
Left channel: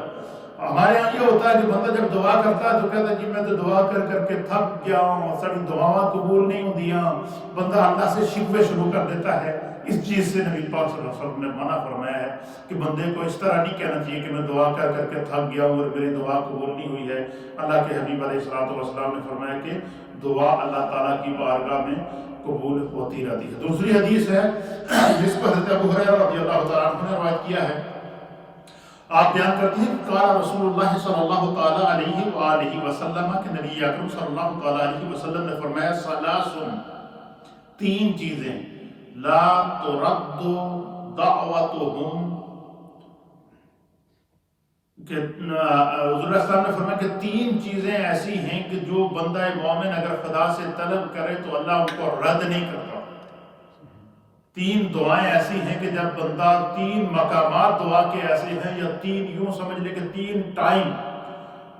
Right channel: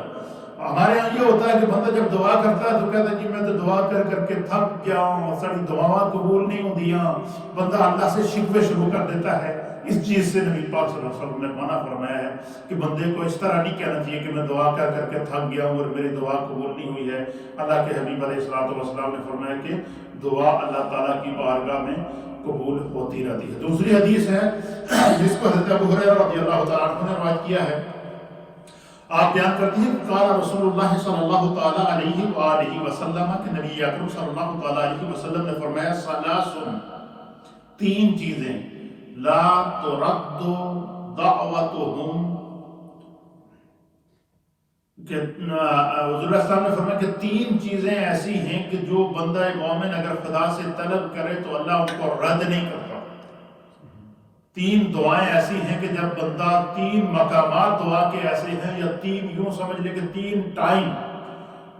ہمارے یہاں یہ ہوتا ہے کہ بندہ جب دعا کرتا ہے تو کہتا ہے کہ میں تو دعا کر کر کے تھک گیا ہوں، ساری دعاواں قبول نہیں ہوندیاں، بندہ اللہ سے شکوے شروع کر دیتا ہے۔ اس چیز سے نبی پاک صلی اللہ علیہ وسلم نے منع فرمایا ہے کہ بندے کو اس طرح نہیں کہنا چاہیے کہ میں دعا کر کر کے تھک گیا ہوں اور میری دعا قبول نہیں ہوئی ہے۔ اللہ کے حبیب علیہ السلام نے فرمایا کہ دعا اللہ تعالیٰ کی بارگاہ میں قبول ہوتی رہتی ہے۔ دوسری حدیث ہے جس کو حضرت ابو ہریرہ رضی اللہ تعالیٰ عنہ نے روایت کیا ہے، آپ بیان کرتی ہیں کہ قال رسول اللہ صلی اللہ تعالیٰ علیہ وآلہ وسلم، کہ نبی اکرم صلی اللہ تعالیٰ علیہ وسلم نے فرمایا ثلاث، 3 چیزیں لا ترد دعوتهم، کہ حضور علیہ السلام نے فرمایا کہ 3 چیزیں ایسی ہیں کہ جو بندہ مومن اگر خدا سے طلب کرے تو اللہ ان کو رد نہیں کرتا۔ 3 دعائیں ایسی ہیں کہ جب بندہ 3 مقامات دعا کے ایسے ہیں، یا 3 یوں سمجھ لے کہ 3 ٹائم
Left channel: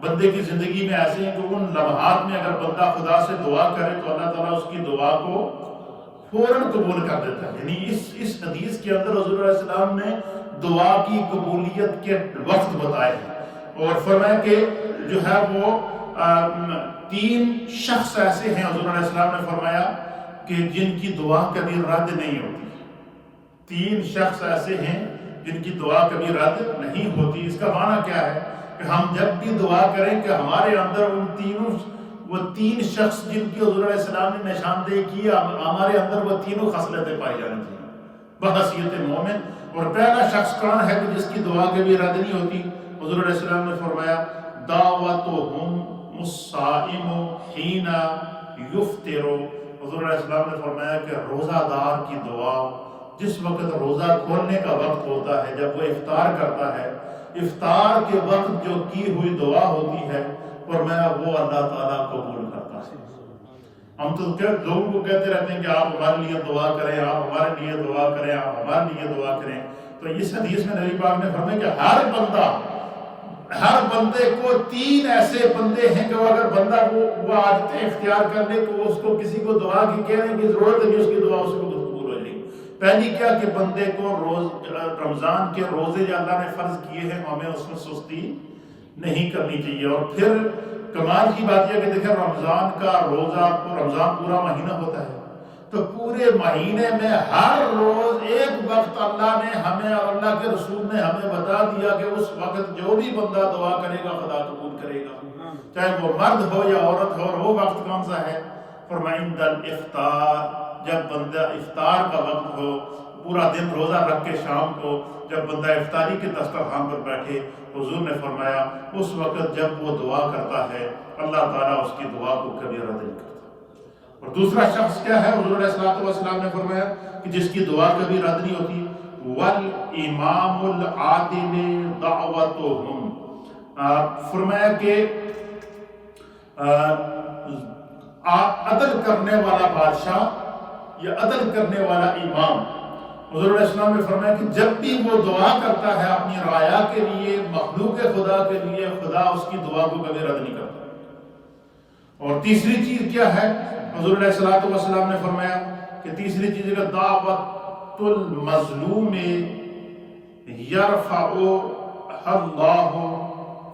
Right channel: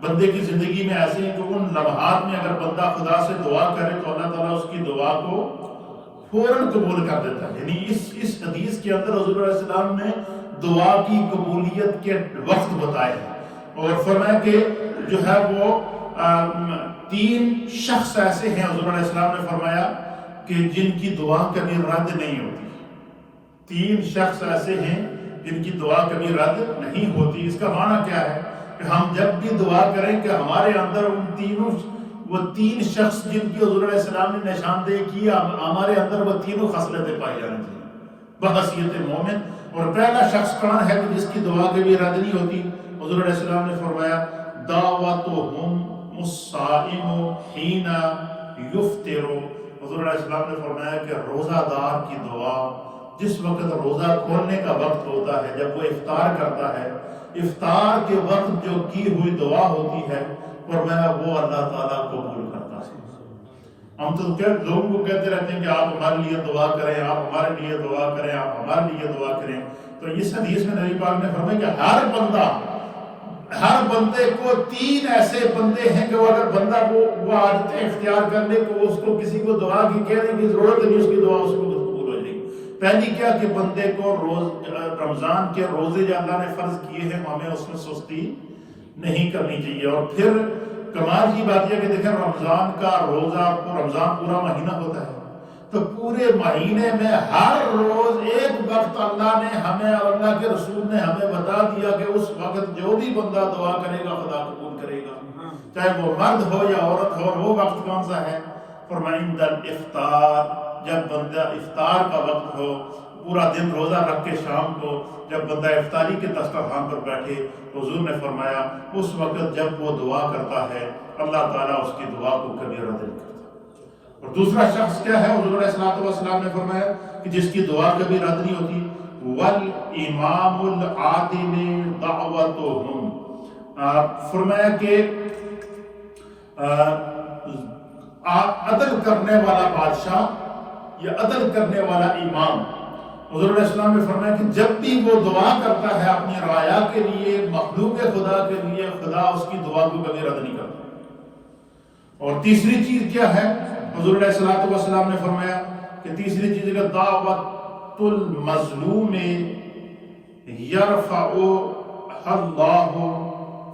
بندے کی زندگی میں ایسے ہیں کہ ان لمحات میں اگر بندہ خدا سے دعا کرے تو اللہ تعالیٰ اس کی دعا کو فوراً قبول کر دیتا ہے۔ یعنی اس حدیث کے اندر حضور علیہ السلام نے دعا کی قبولیت کے وقت بتائے ہیں، اور فرمایا کہ جو ہے وہ 3 شخص ایسے ہیں، حضور علیہ السلام نے فرمایا کہ جن کی دعا کبھی رد نہیں ہوتی۔ 3 شخص ایسے ہیں جن کی دعا کبھی رد نہیں ہوتی۔ اس کا معنی کیا ہے کہ ہم جب بھی دعا کریں کہ ہمارے اندر وہ 3 شخص جن کی حضور علیہ السلام نے نشاندہی کی، ہمارے اندر وہ 3 خصلتیں پائی جانی چاہیے بحیثیت مومن۔ اور پہلا شخص کون ہے کہ جس کی دعا کبھی رد نہیں ہوتی؟ حضور علیہ السلام نے فرمایا دعوتہم الصائم حین یفطر۔ حضور علیہ السلام نے فرمایا کہ روزہ دار کی دعا جس وقت روزہ کھولنے کا وقت ہوتا ہے، جب وہ افطار کرتا ہے، افطار کے وقت جو کی ہوئی دعا ہوتی ہے فرمایا وہ اللہ تعالیٰ قبول کرتا ہے۔ ہم تو لوگوں کو کہتے رہتے ہیں کہ آپ ہمارے لیے دعا کریں، آپ ہمارے لیے دعا کریں، آپ ہمارے لیے دعا کریں۔ تو اس حدیث میں نبی پاک نے فرمایا کہ ہر بندے کو 3 ایسے بندے ہیں کہ اگر بندہ وہ عادتیں اختیار کر لے تو اس کو کسی کو دعا کی کہنے کی ضرورت نہیں، اس کی دعا اس کو قبول ہو جائے گی۔ پہلی کیا کہ بندے کو رمضان کے روزے جو اللہ نے فرض کیے ہیں ہمیں اس میں سستی نہیں کرنی چاہیے۔ اور پھر کمال کی بات یہ کہ دیکھیں رمضان کا روزہ، رمضان پورا مہینہ ہوتا ہے، تو پورے مہینے میں ہر روز ایک وقت اللہ نے ہمیں اور اللہ کے رسول نے ہمیں بتا دیا کہ اس وقت جو بھی بندہ دعا کرے گا خدا قبول کرے گا، چاہے وہ مرد ہو یا عورت ہو۔ اور وہ وقت کون سا ہے؟ فرمایا عند الافطار، جب بندہ افطار کا وقت ہو، پورا دن روزہ رکھ کے شام کو جب بندہ افطاری کے دسترخوان پر بیٹھے، حضور نے فرمایا اس وقت جب وہ دعا کرتا ہے اللہ تعالیٰ اس کی دعا کو کبھی رد نہیں کرتا۔ اور دوسرا شخص کیا ہے؟ حضور علیہ السلام نے فرمایا کہ جس کی دعا کبھی رد نہیں ہوتی، والامام العادل دعوتہم، فرمایا کہ عدل کرنے والا بادشاہ یا عدل کرنے والا امام، حضور علیہ السلام نے فرمایا کہ جب بھی وہ دعا کرتا ہے اپنی رعایا کے لیے، مخلوق خدا کے لیے، خدا اس کی دعا کو کبھی رد نہیں کرتا۔ اور تیسری چیز کیا ہے؟ حضور علیہ السلام نے فرمایا کہ تیسری چیز ہے دعوت المظلوم یرفعها اللہ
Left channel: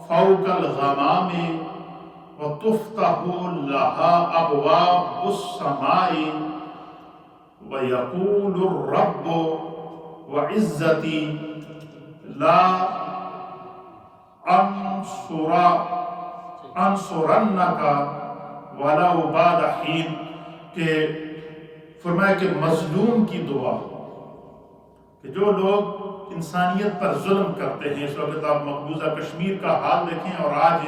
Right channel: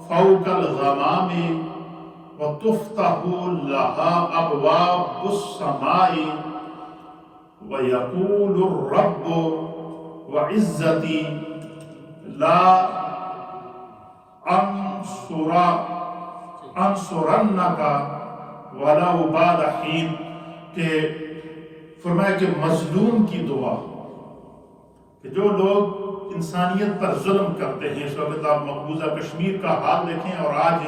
فوق الغمام وتفتح لها ابواب السماء ويقول الرب وعزتي لا انصرنك ولو بعد حين، کہ فرمایا کہ مظلوم کی دعا، کہ جو لوگ انسانیت پر ظلم کرتے ہیں، اس وقت آپ مقبوضہ کشمیر کا حال دیکھیں، اور آج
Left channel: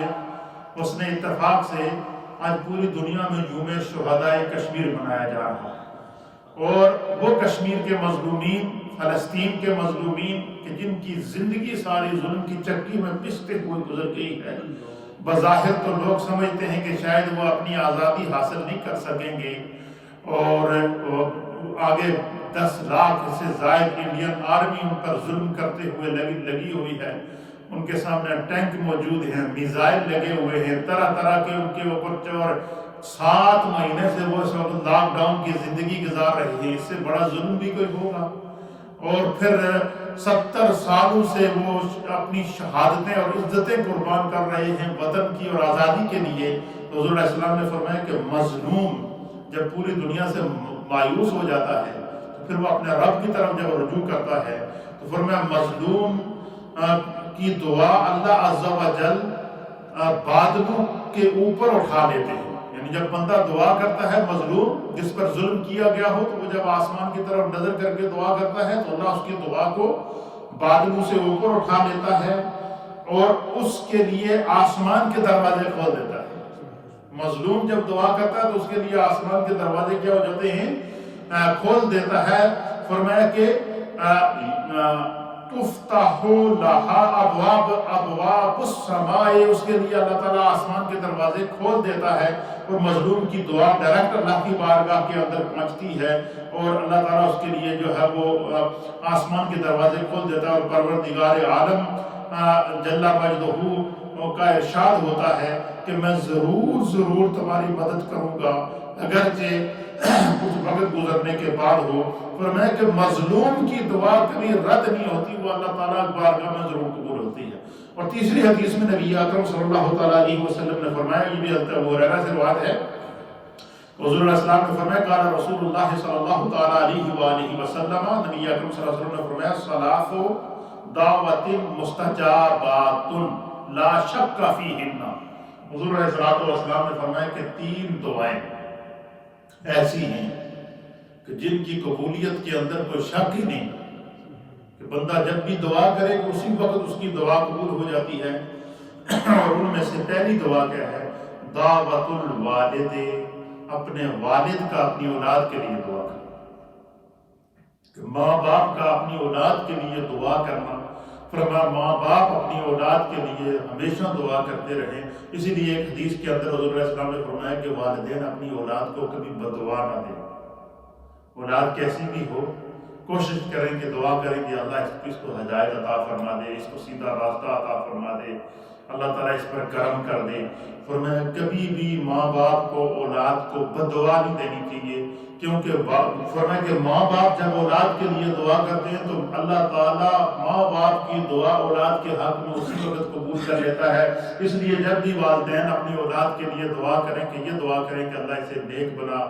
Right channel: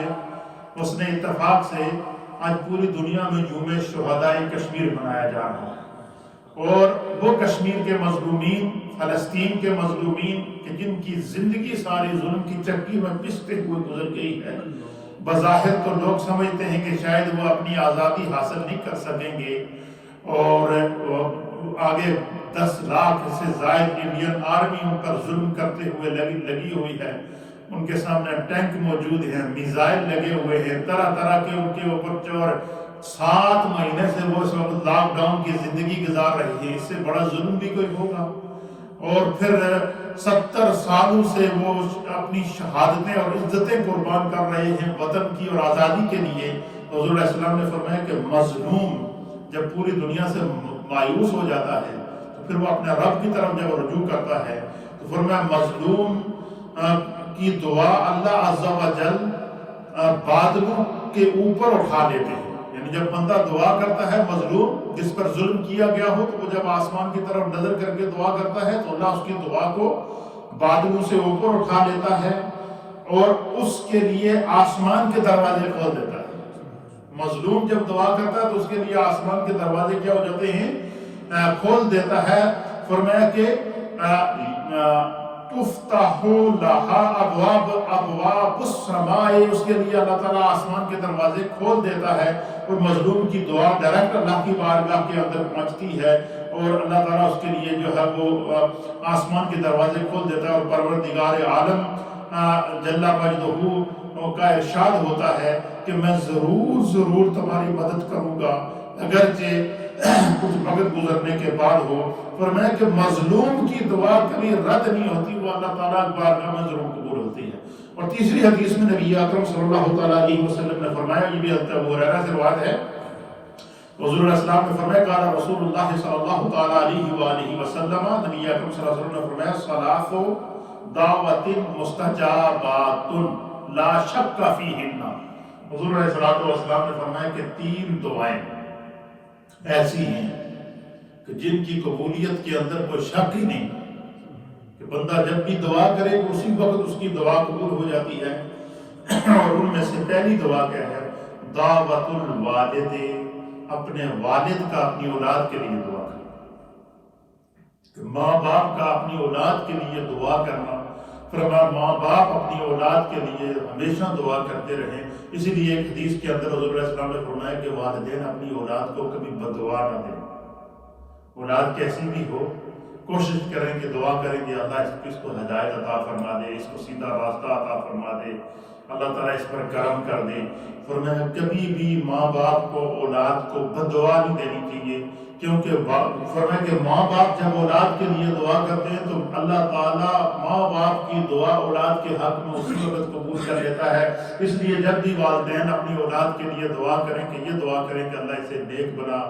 اس نے اتفاق سے آج پوری دنیا میں یوم شہداء کشمیر منایا جا رہا ہے، اور وہ کشمیر کے مظلومین، فلسطین کے مظلومین کہ جن کی زندگی ساری ظلم کی چکی میں پستے ہوئے گزر گئی ہے، بظاہر تو لوگ سمجھتے ہیں کہ شاید وہ اپنی آزادی حاصل نہیں کر سکیں گے، اور آگے 10 لاکھ سے زائد انڈین آرمی ان پر ظلم کرتے ہوئے لگی ہوئی ہے، ان کے سامنے ٹینک موجود ہیں، میزائل لگے ہوئے ہیں، طرح طرح کے ان کے اوپر، اور 7 مہینے سے وہ اس وقت لاک ڈاؤن کی زندگی گزار رہی ہے، اس سے بڑا ظلم بھی کوئی ہوگا؟ اور پھر 70 سالوں سے وہ اپنی شہادتیں اور عزتیں قربان کر رہے ہیں وطن کی اور آزادی کے لیے۔ حضور علیہ السلام نے فرمایا کہ مظلوم جب پوری دنیا سے مایوس ہو جاتا ہے تو پھر وہ اپنے رب کی طرف جب رجوع کرتا ہے تو فرمایا مظلوم کی دعا اللہ عز و جل بادلوں کے اوپر اٹھا لیتے ہیں۔ یعنی جب بندہ دعا کرتا ہے، مظلوم جس پر ظلم کیا گیا ہو، تو وہ جب آسمان کی طرف نظر کر کے دعا کرتا ہے تو اللہ اس کی دعا کو بادلوں سے اوپر اٹھا لیتا ہے اور اس کے لیے آسمان کے دروازے کھول دیتا ہے۔ مظلوم جب دعا کرتا ہے تو اس کے لیے آسمان کے دروازے کیا ہو جاتے ہیں؟ کھول دیتا ہے۔ فرمایا کہ تفتح لها ابواب السماء، اس کے لیے اللہ تعالیٰ آسمان کے دروازے کھول دیتا ہے اور مظلوم کی دعا ڈائریکٹ اللہ کی بارگاہ کے اندر پہنچتی ہے، اور اللہ تعالیٰ اس کے لیے جو ہے وہ آسمان کے دروازے کھول دیتا ہے، اور پروردگار عالم جل مجدہ کا ارشاد ہوتا ہے کہ میں ضرور تمہاری مدد کروں گا اگرچہ کچھ وقت گزرنے کے بعد ہو۔ فرمایا کہ مظلوم کی دعا کبھی رد نہیں ہوتی، وہ اللہ تعالیٰ کی بارگاہ میں ضرور قبول ہوتی ہے۔ اور تیسری حدیث میں نبی اکرم صلی اللہ تعالیٰ علیہ وسلم نے فرمایا، یہ بھی حضرت ابو ہریرہ سے روایت ہے، حضور علیہ السلام نے فرمایا قال رسول اللہ صلی اللہ تعالیٰ علیہ وآلہ وسلم، نبی اکرم صلی اللہ علیہ وسلم نے فرمایا ثلاث دعوت مستجابات لا شک فیہن۔ حضور علیہ السلام نے فرمایا کہ 3 دعائیں ایسی ہیں کہ جن کی قبولیت کے اندر کوئی شک ہی نہیں، کہ بندہ جب بھی دعا کرے تو اسی وقت اس کی دعا قبول ہو جاتی ہے۔ اور ان میں سے پہلی دعا کیا ہے؟ دعوت الوالد، اپنے والد کا اپنی اولاد کے لیے دعا کرنا، کہ ماں باپ کا اپنی اولاد کے لیے دعا کرنا۔ فرمایا ماں باپ اپنی اولاد کے لیے ہمیشہ دعا کرتے رہیں۔ اسی لیے ایک حدیث کے اندر حضور علیہ السلام نے فرمایا کہ والدین اپنی اولاد کو کبھی بد دعا نہ دیں، اولاد کیسی بھی ہو کوشش کریں کہ دعا کریں کہ اللہ اس کو ہدایت عطا فرما دے، اس کو سیدھا راستہ عطا فرما دے، اللہ تعالیٰ اس پر کرم کر دے۔ فرمایا کبھی بھی ماں باپ کو اولاد کو بد دعا نہیں دینی چاہیے، کیونکہ فرمایا کہ ماں باپ جب اولاد کے لیے دعا کرتے ہیں تو اللہ تعالیٰ ماں باپ کی دعا اولاد کے حق میں اسی وقت قبول کر لیتا ہے۔ اس لیے جب بھی والدین اپنی اولاد کے لیے دعا کریں کہ یہ دعا کریں کہ اللہ اسے نیک بنا،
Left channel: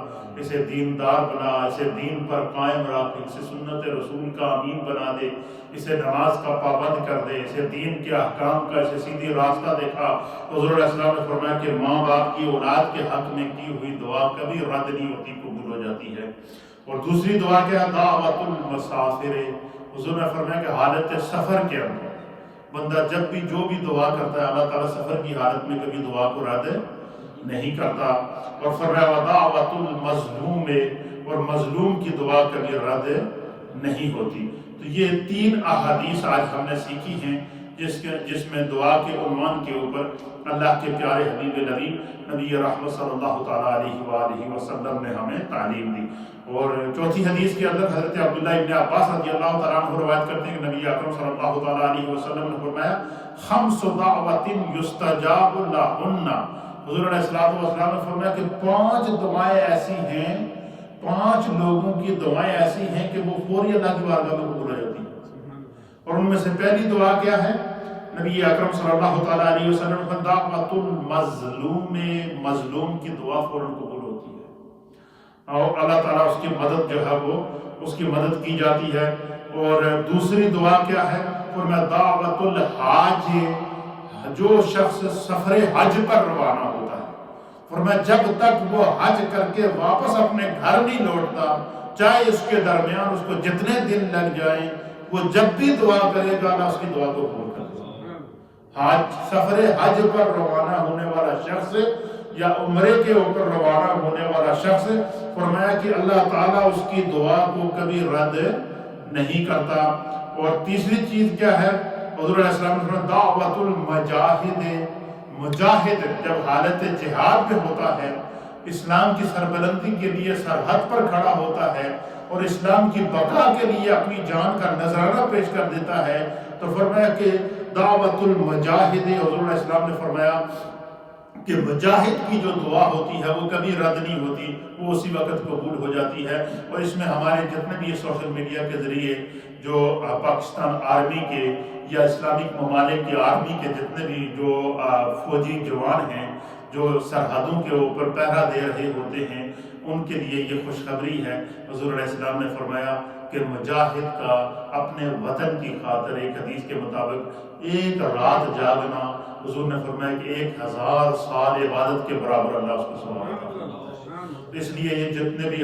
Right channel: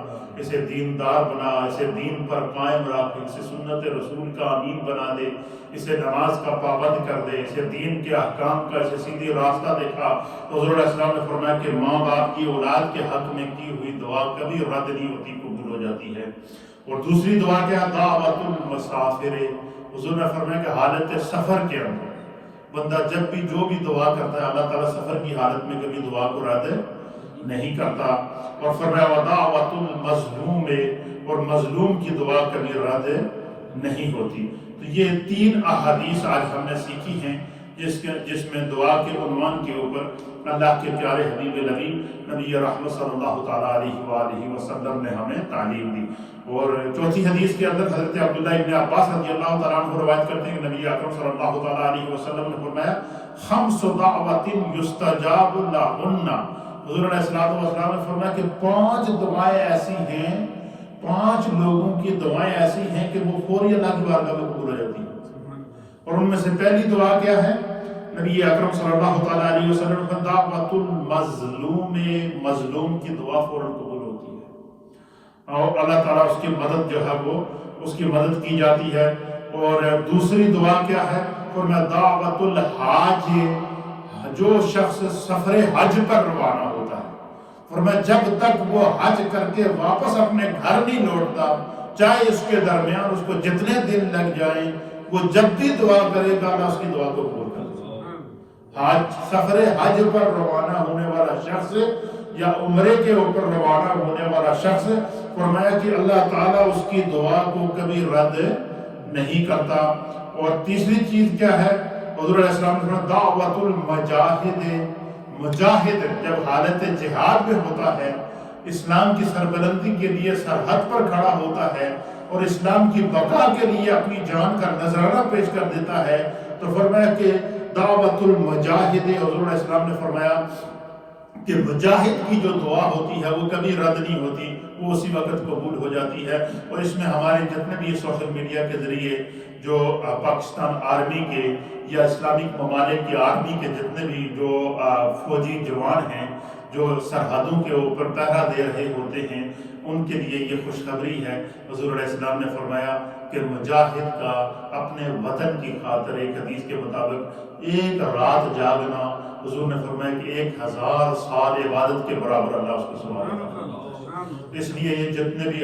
اسے دیندار بنا، اسے دین پر قائم رکھ، اسے سنت رسول کا امین بنا دے، اسے نماز کا پابند کر دے، اسے دین کے احکام کا اسے سیدھی راستہ دکھا۔ حضور علیہ السلام نے فرمایا کہ ماں باپ کی اولاد کے حق میں کی ہوئی دعا کبھی رد نہیں ہوتی، قبول ہو جاتی ہے۔ اور دوسری دعا کیا؟ دعوت المسافر۔ حضور نے فرمایا کہ حالت سفر کے اندر بندہ جب بھی جو بھی دعا کرتا ہے اللہ تعالیٰ سفر کی حالت میں کبھی دعا کو رد نہیں کرتا۔ اور فرمایا ودعوت المظلوم، اور مظلوم کی دعا کبھی رد نہیں ہوتی۔ تو یہ 3 احادیث آج ہم نے سیکھی ہیں جس میں دعا کے عنوان کے اوپر اللہ کے پیارے حبیب نبی نبی رحمت صلی اللہ تعالیٰ علیہ وآلہ وسلم نے ہمیں تعلیم دی۔ اور چوتھی حدیث کے اندر حضرت عبداللہ ابن عباس رضی اللہ تعالیٰ عنہ روایت کرتے ہیں کہ نبی اکرم صلی اللہ تعالیٰ علیہ وسلم نے فرمایا خمس دعوات یستجاب لہن، حضور علیہ السلام نے فرمایا کہ 5 دعائیں ایسی ہیں، 5 لوگوں کی دعائیں ایسی ہیں کہ وہ فوری اللہ کی بارگاہ میں قبول ہو جاتی ہیں۔ اور ان میں سے پہلی دعا کیا ہے؟ نبی اکرم صلی اللہ تعالیٰ علیہ وسلم نے دعوت المظلوم، مظلوم کی دعا فوراً قبول ہوتی ہے اور اللہ تعالیٰ اس کی مدد جو ہے وہ اس کی مدد کی جاتی ہے۔ اور دوسری دعا کیا ہے؟ فرمایا دعوت الحاج، جو شخص سفر حج پر روانہ ہوتا ہے، فرمایا جب تک وہ حج کر کے واپس اپنے گھر نہیں لوٹتا، چاہے اس کے درمیان اس کو جتنے دن لگ جائیں، وہ جب بھی دعا کرے گا اللہ اس کی دعا کو قبول کر لے گا۔ سفر حج پر روانہ ہونے والا شخص یا عمرے کے اوپر روانہ ہونے والا شخص، فرمایا کہ اللہ تعالیٰ اس کی دعا کو کبھی رد نہیں کرتا۔ اور تیسری چیز کیا ہے؟ حضور علیہ السلام نے فرمایا دعوت المجاہد، مجاہد جب حالت جہاد میں ہوتا ہے، اسلام کی سربلندی کے لیے سرحد پر کھڑا ہوتا ہے اور اسلام کی بقا کے لیے اپنی جان کا نذرانہ پیش کر دیتا ہے، تو فرمایا کہ دعوت المجاہد، حضور علیہ السلام نے فرمایا کہ مجاہد کی جو دعا ہوتی ہے وہ کبھی رد نہیں ہوتی، وہ اسی وقت قبول ہو جاتی ہے۔ اور اس میں ہمارے جتنے بھی سوشل میڈیا کے ذریعے جو پاکستان آرمی کے یا اسلامک ممالک کی آرمی کے جتنے بھی جو فوجی جوان ہیں جو سرحدوں کے اوپر پہرا دے رہے ہوتے ہیں، ان کے لیے یہ خوشخبری ہے۔ حضور علیہ السلام نے فرمایا کہ مجاہد کا اپنے وطن کی خاطر ایک حدیث کے مطابق ایک رات جاگنا، حضور نے فرمایا کہ 1000 سال عبادت کے برابر اللہ اس کو ثواب عطا کرتا ہے۔ اس لیے یہ جتنے بھی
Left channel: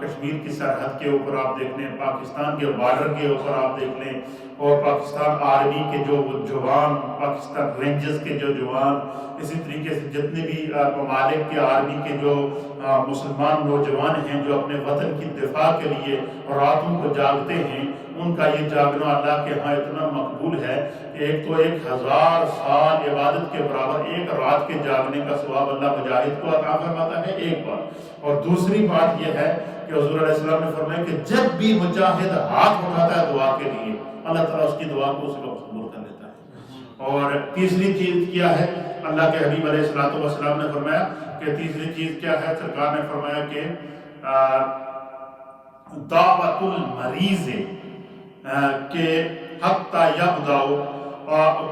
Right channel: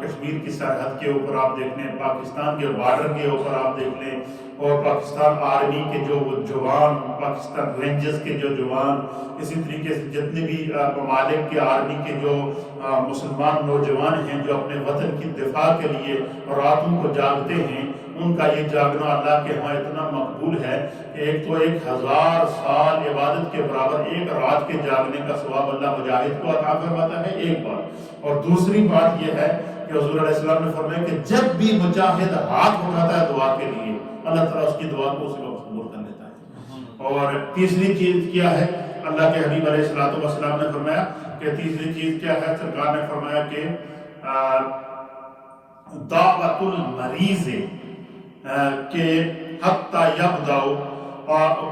کشمیر کی سرحد کے اوپر آپ دیکھ لیں، پاکستان کے بارڈر کے اوپر آپ دیکھ لیں، اور پاکستان آرمی کے جو جوان، پاکستان رینجرز کے جو جوان، اسی طریقے سے جتنے بھی ممالک کے آرمی کے جو مسلمان نوجوان ہیں جو اپنے وطن کی دفاع کے لیے راتوں کو جاگتے ہیں، ان کا یہ جاگنا اللہ کے ہاں اتنا مقبول ہے کہ ایک تو 1000 سال عبادت کے برابر ایک رات کے جاگنے کا ثواب اللہ مجاہد کو عطا فرماتا ہے، ایک بات۔ اور دوسری بات یہ ہے کہ حضور علیہ السلام نے فرمایا کہ جب بھی مجاہد ہاتھ اٹھاتا ہے دعا کے لیے، اللہ تعالیٰ اس کی دعا کو اسی وقت قبول کر لیتا ہے۔ اور تیسری چیز کیا ہے؟ اللہ کے حبیب علیہ السلام نے فرمایا کہ تیسری چیز کیا ہے؟ سرکار نے فرمایا کہ دعوت المریض، کہ حتی یبدأ،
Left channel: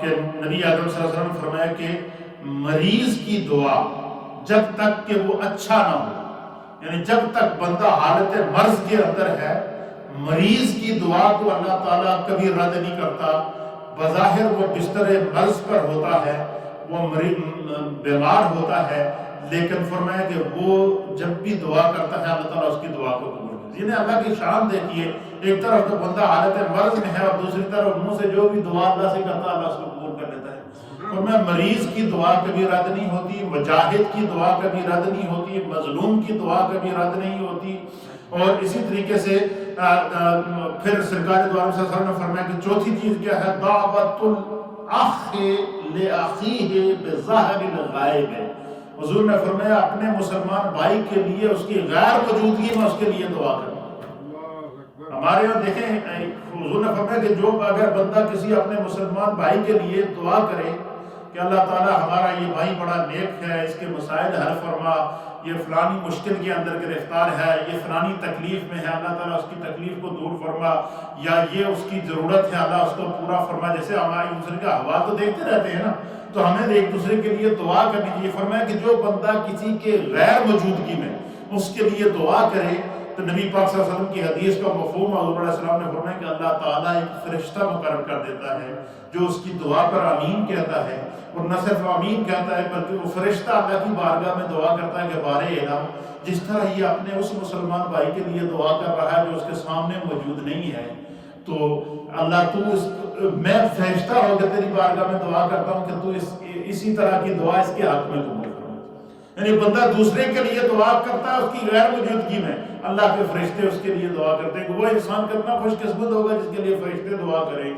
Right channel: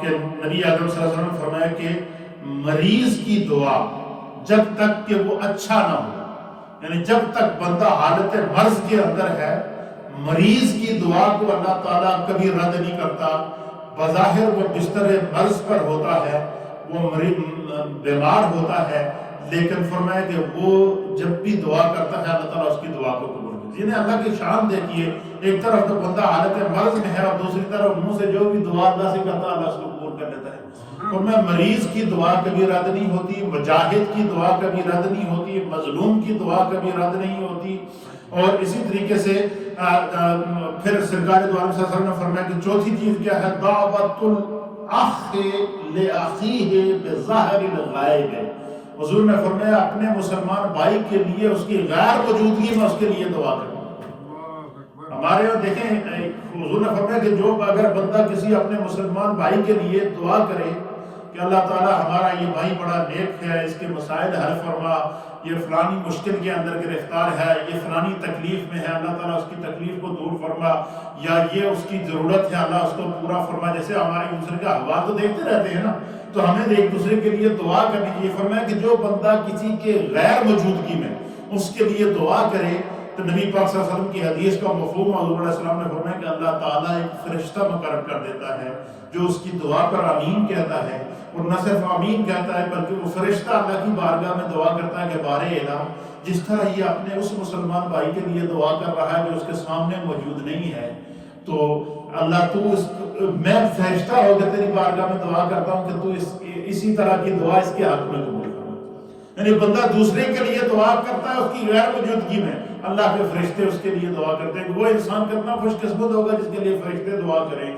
کہ نبی اکرم صلی اللہ علیہ وسلم نے فرمایا کہ مریض کی دعا جب تک کہ وہ اچھا نہ ہو، یعنی جب تک بندہ حالت مرض کے اندر ہے، مریض کی دعا کو اللہ تعالیٰ کبھی رد نہیں کرتا۔ بظاہر وہ بستر مرض پر ہوتا ہے، وہ بیمار ہوتا ہے، لیکن فرمایا کہ وہ جب بھی دعا کرتا ہے اللہ تعالیٰ اس کی دعا کو قبول کرتا ہے۔ یعنی اللہ کی شان دیکھیے، ایک طرف تو بندہ حالت مرض میں ہے اور دوسری طرف منہ سے جو بھی دعا اللہ سے کرتا ہے اللہ اس کو قبول کر لیتا ہے۔ فرمایا مریض کی دعا کبھی رد نہیں ہوتی، مجاہد کی دعا کبھی رد نہیں ہوتی، مظلوم کی دعا کبھی رد نہیں ہوتی۔ اور اسی طریقے سے پھر سرکار دو عالم صلی اللہ علیہ وسلم نے فرمایا کہ چوتھی چیز کیا ہے؟ دعوت الاخ لاخیہ بظاہر الغائب۔ حضور نے فرمایا اپنے مسلمان بھائی کے لیے اس کی غیر موجودگی میں اس کے لیے دعا کریں۔ ہمارے یہاں دیکھیں حضور نے فرمایا کہ جو اگر بندہ کسی اپنے مسلمان بھائی کے لیے دعا کرے کہ اللہ تعالیٰ ہمارا یہ بھائی بڑا نیک ہے، اس کے مسائل حل فرما، یہ فلانی مشکل کے اندر گرفتار ہے، یہ فلانی تکلیف میں ہے، اللہ تعالیٰ اس کی تکلیف کو دور فرما، یا یہ اس کی ضرورت ہے اللہ اس کو پورا فرما۔ جیسے ہم ایک دوسرے کا حوال تو دیکھتے رہتے ہیں نا، تو ہمیں ایک دوسرے کے لیے دعا کرنی چاہیے۔ فرمایا کہ جو بندہ کسی کے غیر موجودگی میں اس کے لیے دعا کرے، تو نبی پاک صلی اللہ علیہ وسلم کی حدیث کا مفہوم حضور علیہ السلام نے فرمایا کہ اللہ تعالیٰ ایک فرشتہ مقرر کر دیتا ہے جو اس کی دعا پر آمین کہتا ہے، اور نہ صرف آمین کہتا ہے بلکہ وہ فرشتہ اللہ کی بارگاہ میں دعا کرتا ہے کہ بارے الہ، جس طرح یہ اپنے اس مسلمان بھائی کے لیے دعا کر رہا ہے جو اس کے سامنے موجود نہیں ہے، تو اللہ تو میں فرشتہ ہو کے تیری بارگاہ میں دعا کرتا ہوں کہ تو اسی طرح کی دعا اس کے حق میں قبول کرو۔ یعنی بندہ دوسرے کے لیے دعا کرتا ہے اس کی غیر موجودگی میں، اللہ کے فرشتے اس کے لیے دعا کرتے ہیں کہ وہ انسان کتنا خوش قسمت ہوگا جس کے لیے فرشتے دعا کریں۔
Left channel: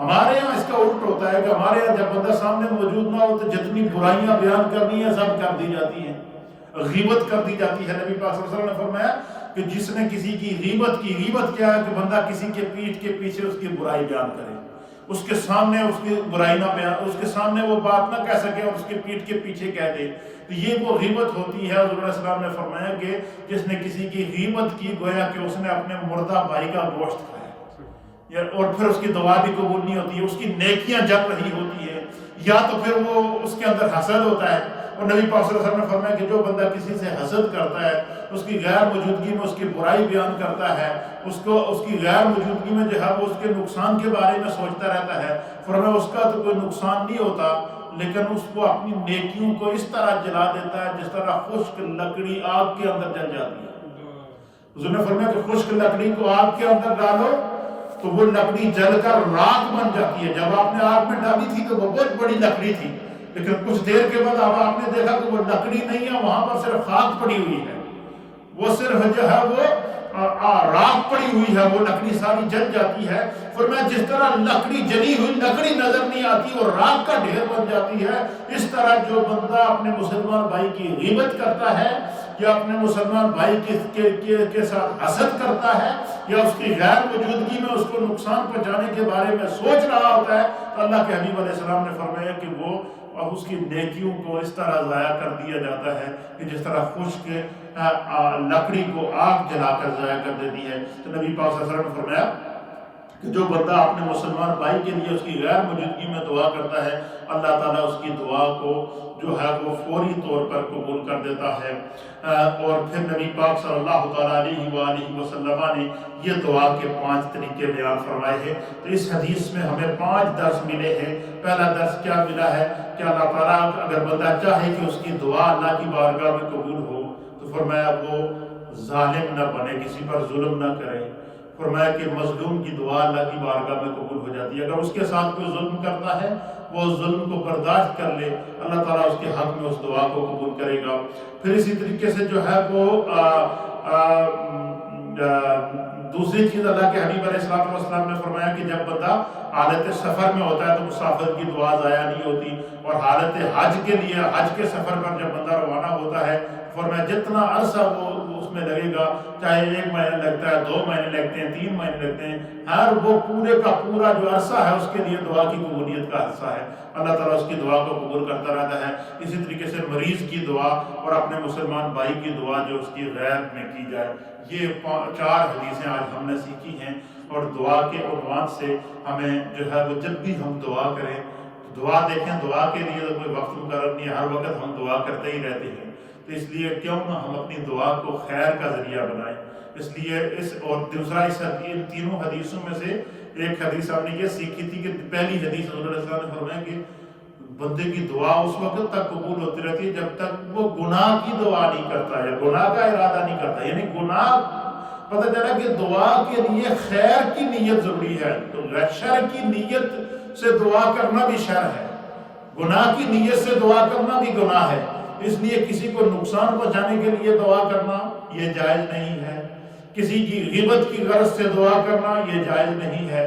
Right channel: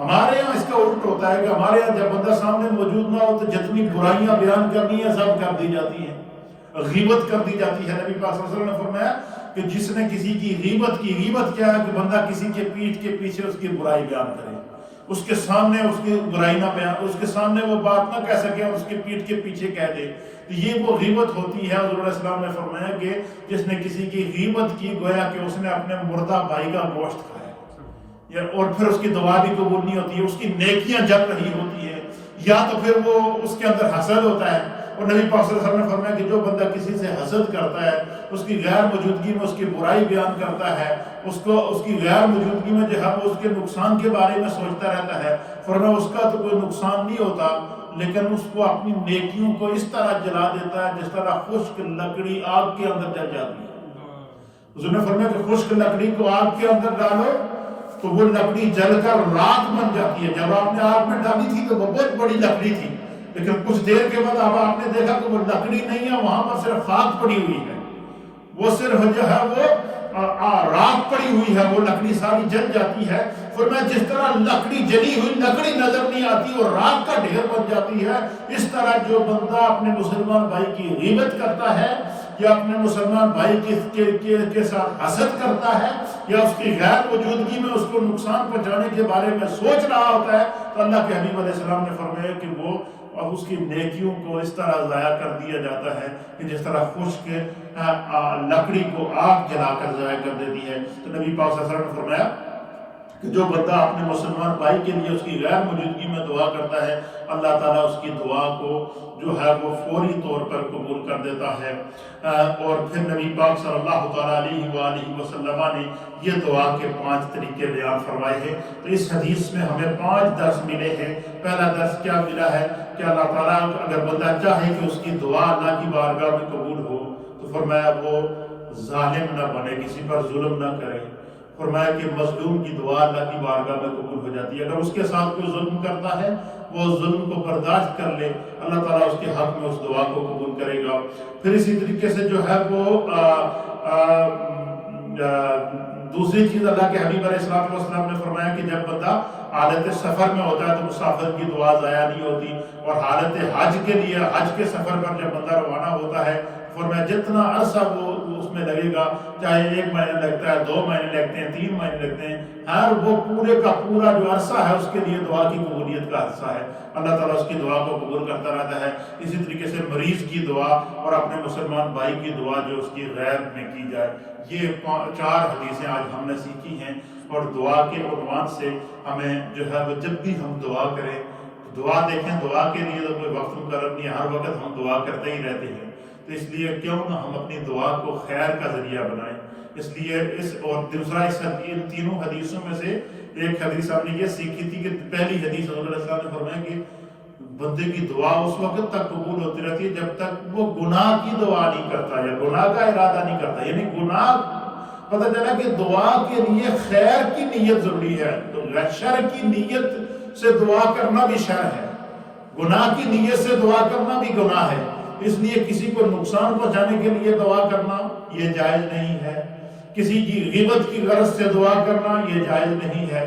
ہمارے یہاں اس کا الٹ ہوتا ہے کہ ہمارے یہاں جب بندہ سامنے موجود نہ ہو تو جتنی برائیاں بیان کرنی ہیں سب کر دی جاتی ہیں، غیبت کر دی جاتی ہے۔ نبی پاک صلی اللہ علیہ وسلم نے فرمایا کہ جس نے کسی کی غیبت کیا ہے کہ بندہ کسی کے پیٹھ کے پیچھے اس کی برائی بیان کرے، اس کے سامنے اس کی برائی نہ بیان، اس کے سامنے وہ بات نہ کہہ سکے اور اس کے پیٹھ کے پیچھے کہہ دے، تو یہ وہ غیبت ہوتی ہے۔ حضور علیہ السلام نے فرمایا کہ جس نے کسی کی غیبت کی گویا کہ اس نے اپنے مردہ بھائی کا گوشت کھایا، اور پھر اس کی دعا بھی قبول نہیں ہوتی ہے، اس کی نیکیاں جل رہی ہوتی ہے، یا تو پھر وہ اس کے اندر حسد ہوتا ہے۔ اور نبی پاک صلی اللہ علیہ وسلم نے فرمایا کہ جو بندہ کسی سے حسد کرتا ہے، اس کی غیر موجودگی میں اس کی برائی بیان کرتا ہے، اس کی غیر موجودگی میں جو ہے وہ اس کے نقصان کے بارے میں سوچتا رہتا ہے، فرمایا اس کا تو کوئی نقصان نہیں ہوتا، لیکن اس کو اپنی نیکیوں کو اس طرح جلا دیتا ہے جس طرح خشک لکڑی آگ کے اندر جل جاتی ہے۔ حضور نے فرمایا کہ خشک لکڑی کو آگ کے اندر ڈالو تو وہ لکڑی جل کر راکھ بن جاتی ہے۔ جب آپ نے آگ میں ڈالی تھی تو وہ بہت بڑی لکڑی تھی، لیکن کچھ دیر کے بعد اب آپ نے دیکھا کہ وہ لکڑی نہیں ہے، وہاں پر صرف خاک پڑی ہوئی ہے، وہ صرف جو ہے وہ راکھ پڑی ہوئی ہے، وہ لکڑی ساری جل جاتی ہے۔ فرمایا جس طرح لکڑی جلی ہوئی لکڑی نظر نہیں آتی اور راکھ کا ڈھیر بن جاتی ہے، اس طرح جو بندہ اپنے مسلمان بھائی کی غیبت کرتا ہے یا اپنے مسلمان بھائی کے ساتھ حسد کرتا ہے یا اس کی غیر موجودگی میں اس کو نقصان پہنچانے کے بارے میں سوچ رہا ہوتا ہے، تو اللہ کے حبیب علیہ السلام نے فرمایا کہ وہ اور اس کی نیکیوں کو اس طرح ضائع کر دیا جاتا ہے کہ جس طرح خشک لکڑی کو آگ جلا کر ضائع کر دیتی ہے۔ تو نبی پاک صلی اللہ علیہ وسلم نے فرمایا کہ جو بندہ اپنے مسلمان بھائی کے لیے اس کی غیر موجودگی میں دعا کرتا ہے، اللہ تعالیٰ اس کی دعا کو جو ہے وہ فوری طور پر قبول کر دیتا ہے۔ اور پھر نبی پاک صلی اللہ تعالیٰ علیہ وآلہ وسلم نے یہ دعا کے 5 طریقے بیان فرمائے ہیں۔ تو اس حدیث میں ہمیں 5 درس ملے ہیں۔ پہلا درس کیا ملا ہے کہ اللہ تعالیٰ اگر بندہ چاہے کہ اس کی دعا اللہ کی بارگاہ میں قبول ہو تو فرمایا وہ ظالم نہ بنے، کسی پر ظلم نہ کرے۔ فرمایا کہ مظلوم کی دعا اللہ کی بارگاہ میں قبول ہو جاتی ہے۔ اگر اس کے ساتھ کوئی ظلم کرتا ہے وہ ظلم کو برداشت کر لے، اللہ تعالیٰ اس کے حق میں اس دعا کو قبول کرے گا۔ پھر اسی طریقے سے جو ہے وہ دوسری چیز اللہ کے حبیب علیہ السلام نے فرمایا کہ جب بندہ حالت سفر میں ہوتا ہے تو مسافر کی دعا ضائع نہیں ہوتی، اور حالت حج کے لیے حج کے سفر پر جب بندہ روانہ ہوتا ہے فرمایا جتنا عرصہ وہ اس میں لگے گا، چاہے 1 مہینہ لگتا ہے، 2 مہینے لگتے ہیں، 3 مہینے لگتے ہیں، ہر وہ پورے کا پورا جو عرصہ ہے اس کے لیے دعا کی قبولیت کا عرصہ ہے۔ اللہ تعالیٰ اس کی دعا کو قبول کرتا رہتا ہے۔ اسی طریقے سے مریض کی دعا اور اپنے مسلمان بھائی کی دعا جو اس کی غیب میں کی جائے، یہ 4 حدیثیں آج ہم نے سیکھی ہیں۔ اور دعا کے عنوان سے ہمیں جو ہے وہ جب بھی ہم دعا کریں، دعا دیکھیں، دعا کے لیے تو کوئی وقت مقرر نہیں ہے، ہر وقت ہم دعا کرتے ہی رہتے ہیں، تو اس لیے کیوں نہ ہم اپنی دعا کو خیر کا ذریعہ بنائیں۔ اس لیے اور دوسرا ان تینوں حدیثوں میں سے ایک حدیث ہم نے یہ سیکھی تھی کہ پہلی حدیث حضور علیہ السلام نے فرمایا کہ بندے کی دعا اس وقت تک قبول ہوتی رہتی ہے جب تک وہ گناہ کی دعا نہیں کرتا یا گناہ کا ارادہ نہیں کرتا، یعنی گناہ پتہ چلا کہ دعا کے لیے خیر کی نیت ضروری ہے، تو شر کی نیت سے دعا کرنا بھی شر ہے، گناہ کی نیت سے دعا کرنا بھی گناہ ہے۔ اس لیے کسی کو نقصان پہنچانے کے لیے دعا کرنا یہ جائز نہیں ہے، کسی کی غیبت کی غرض سے دعا کرنا یہ جائز نہیں ہے،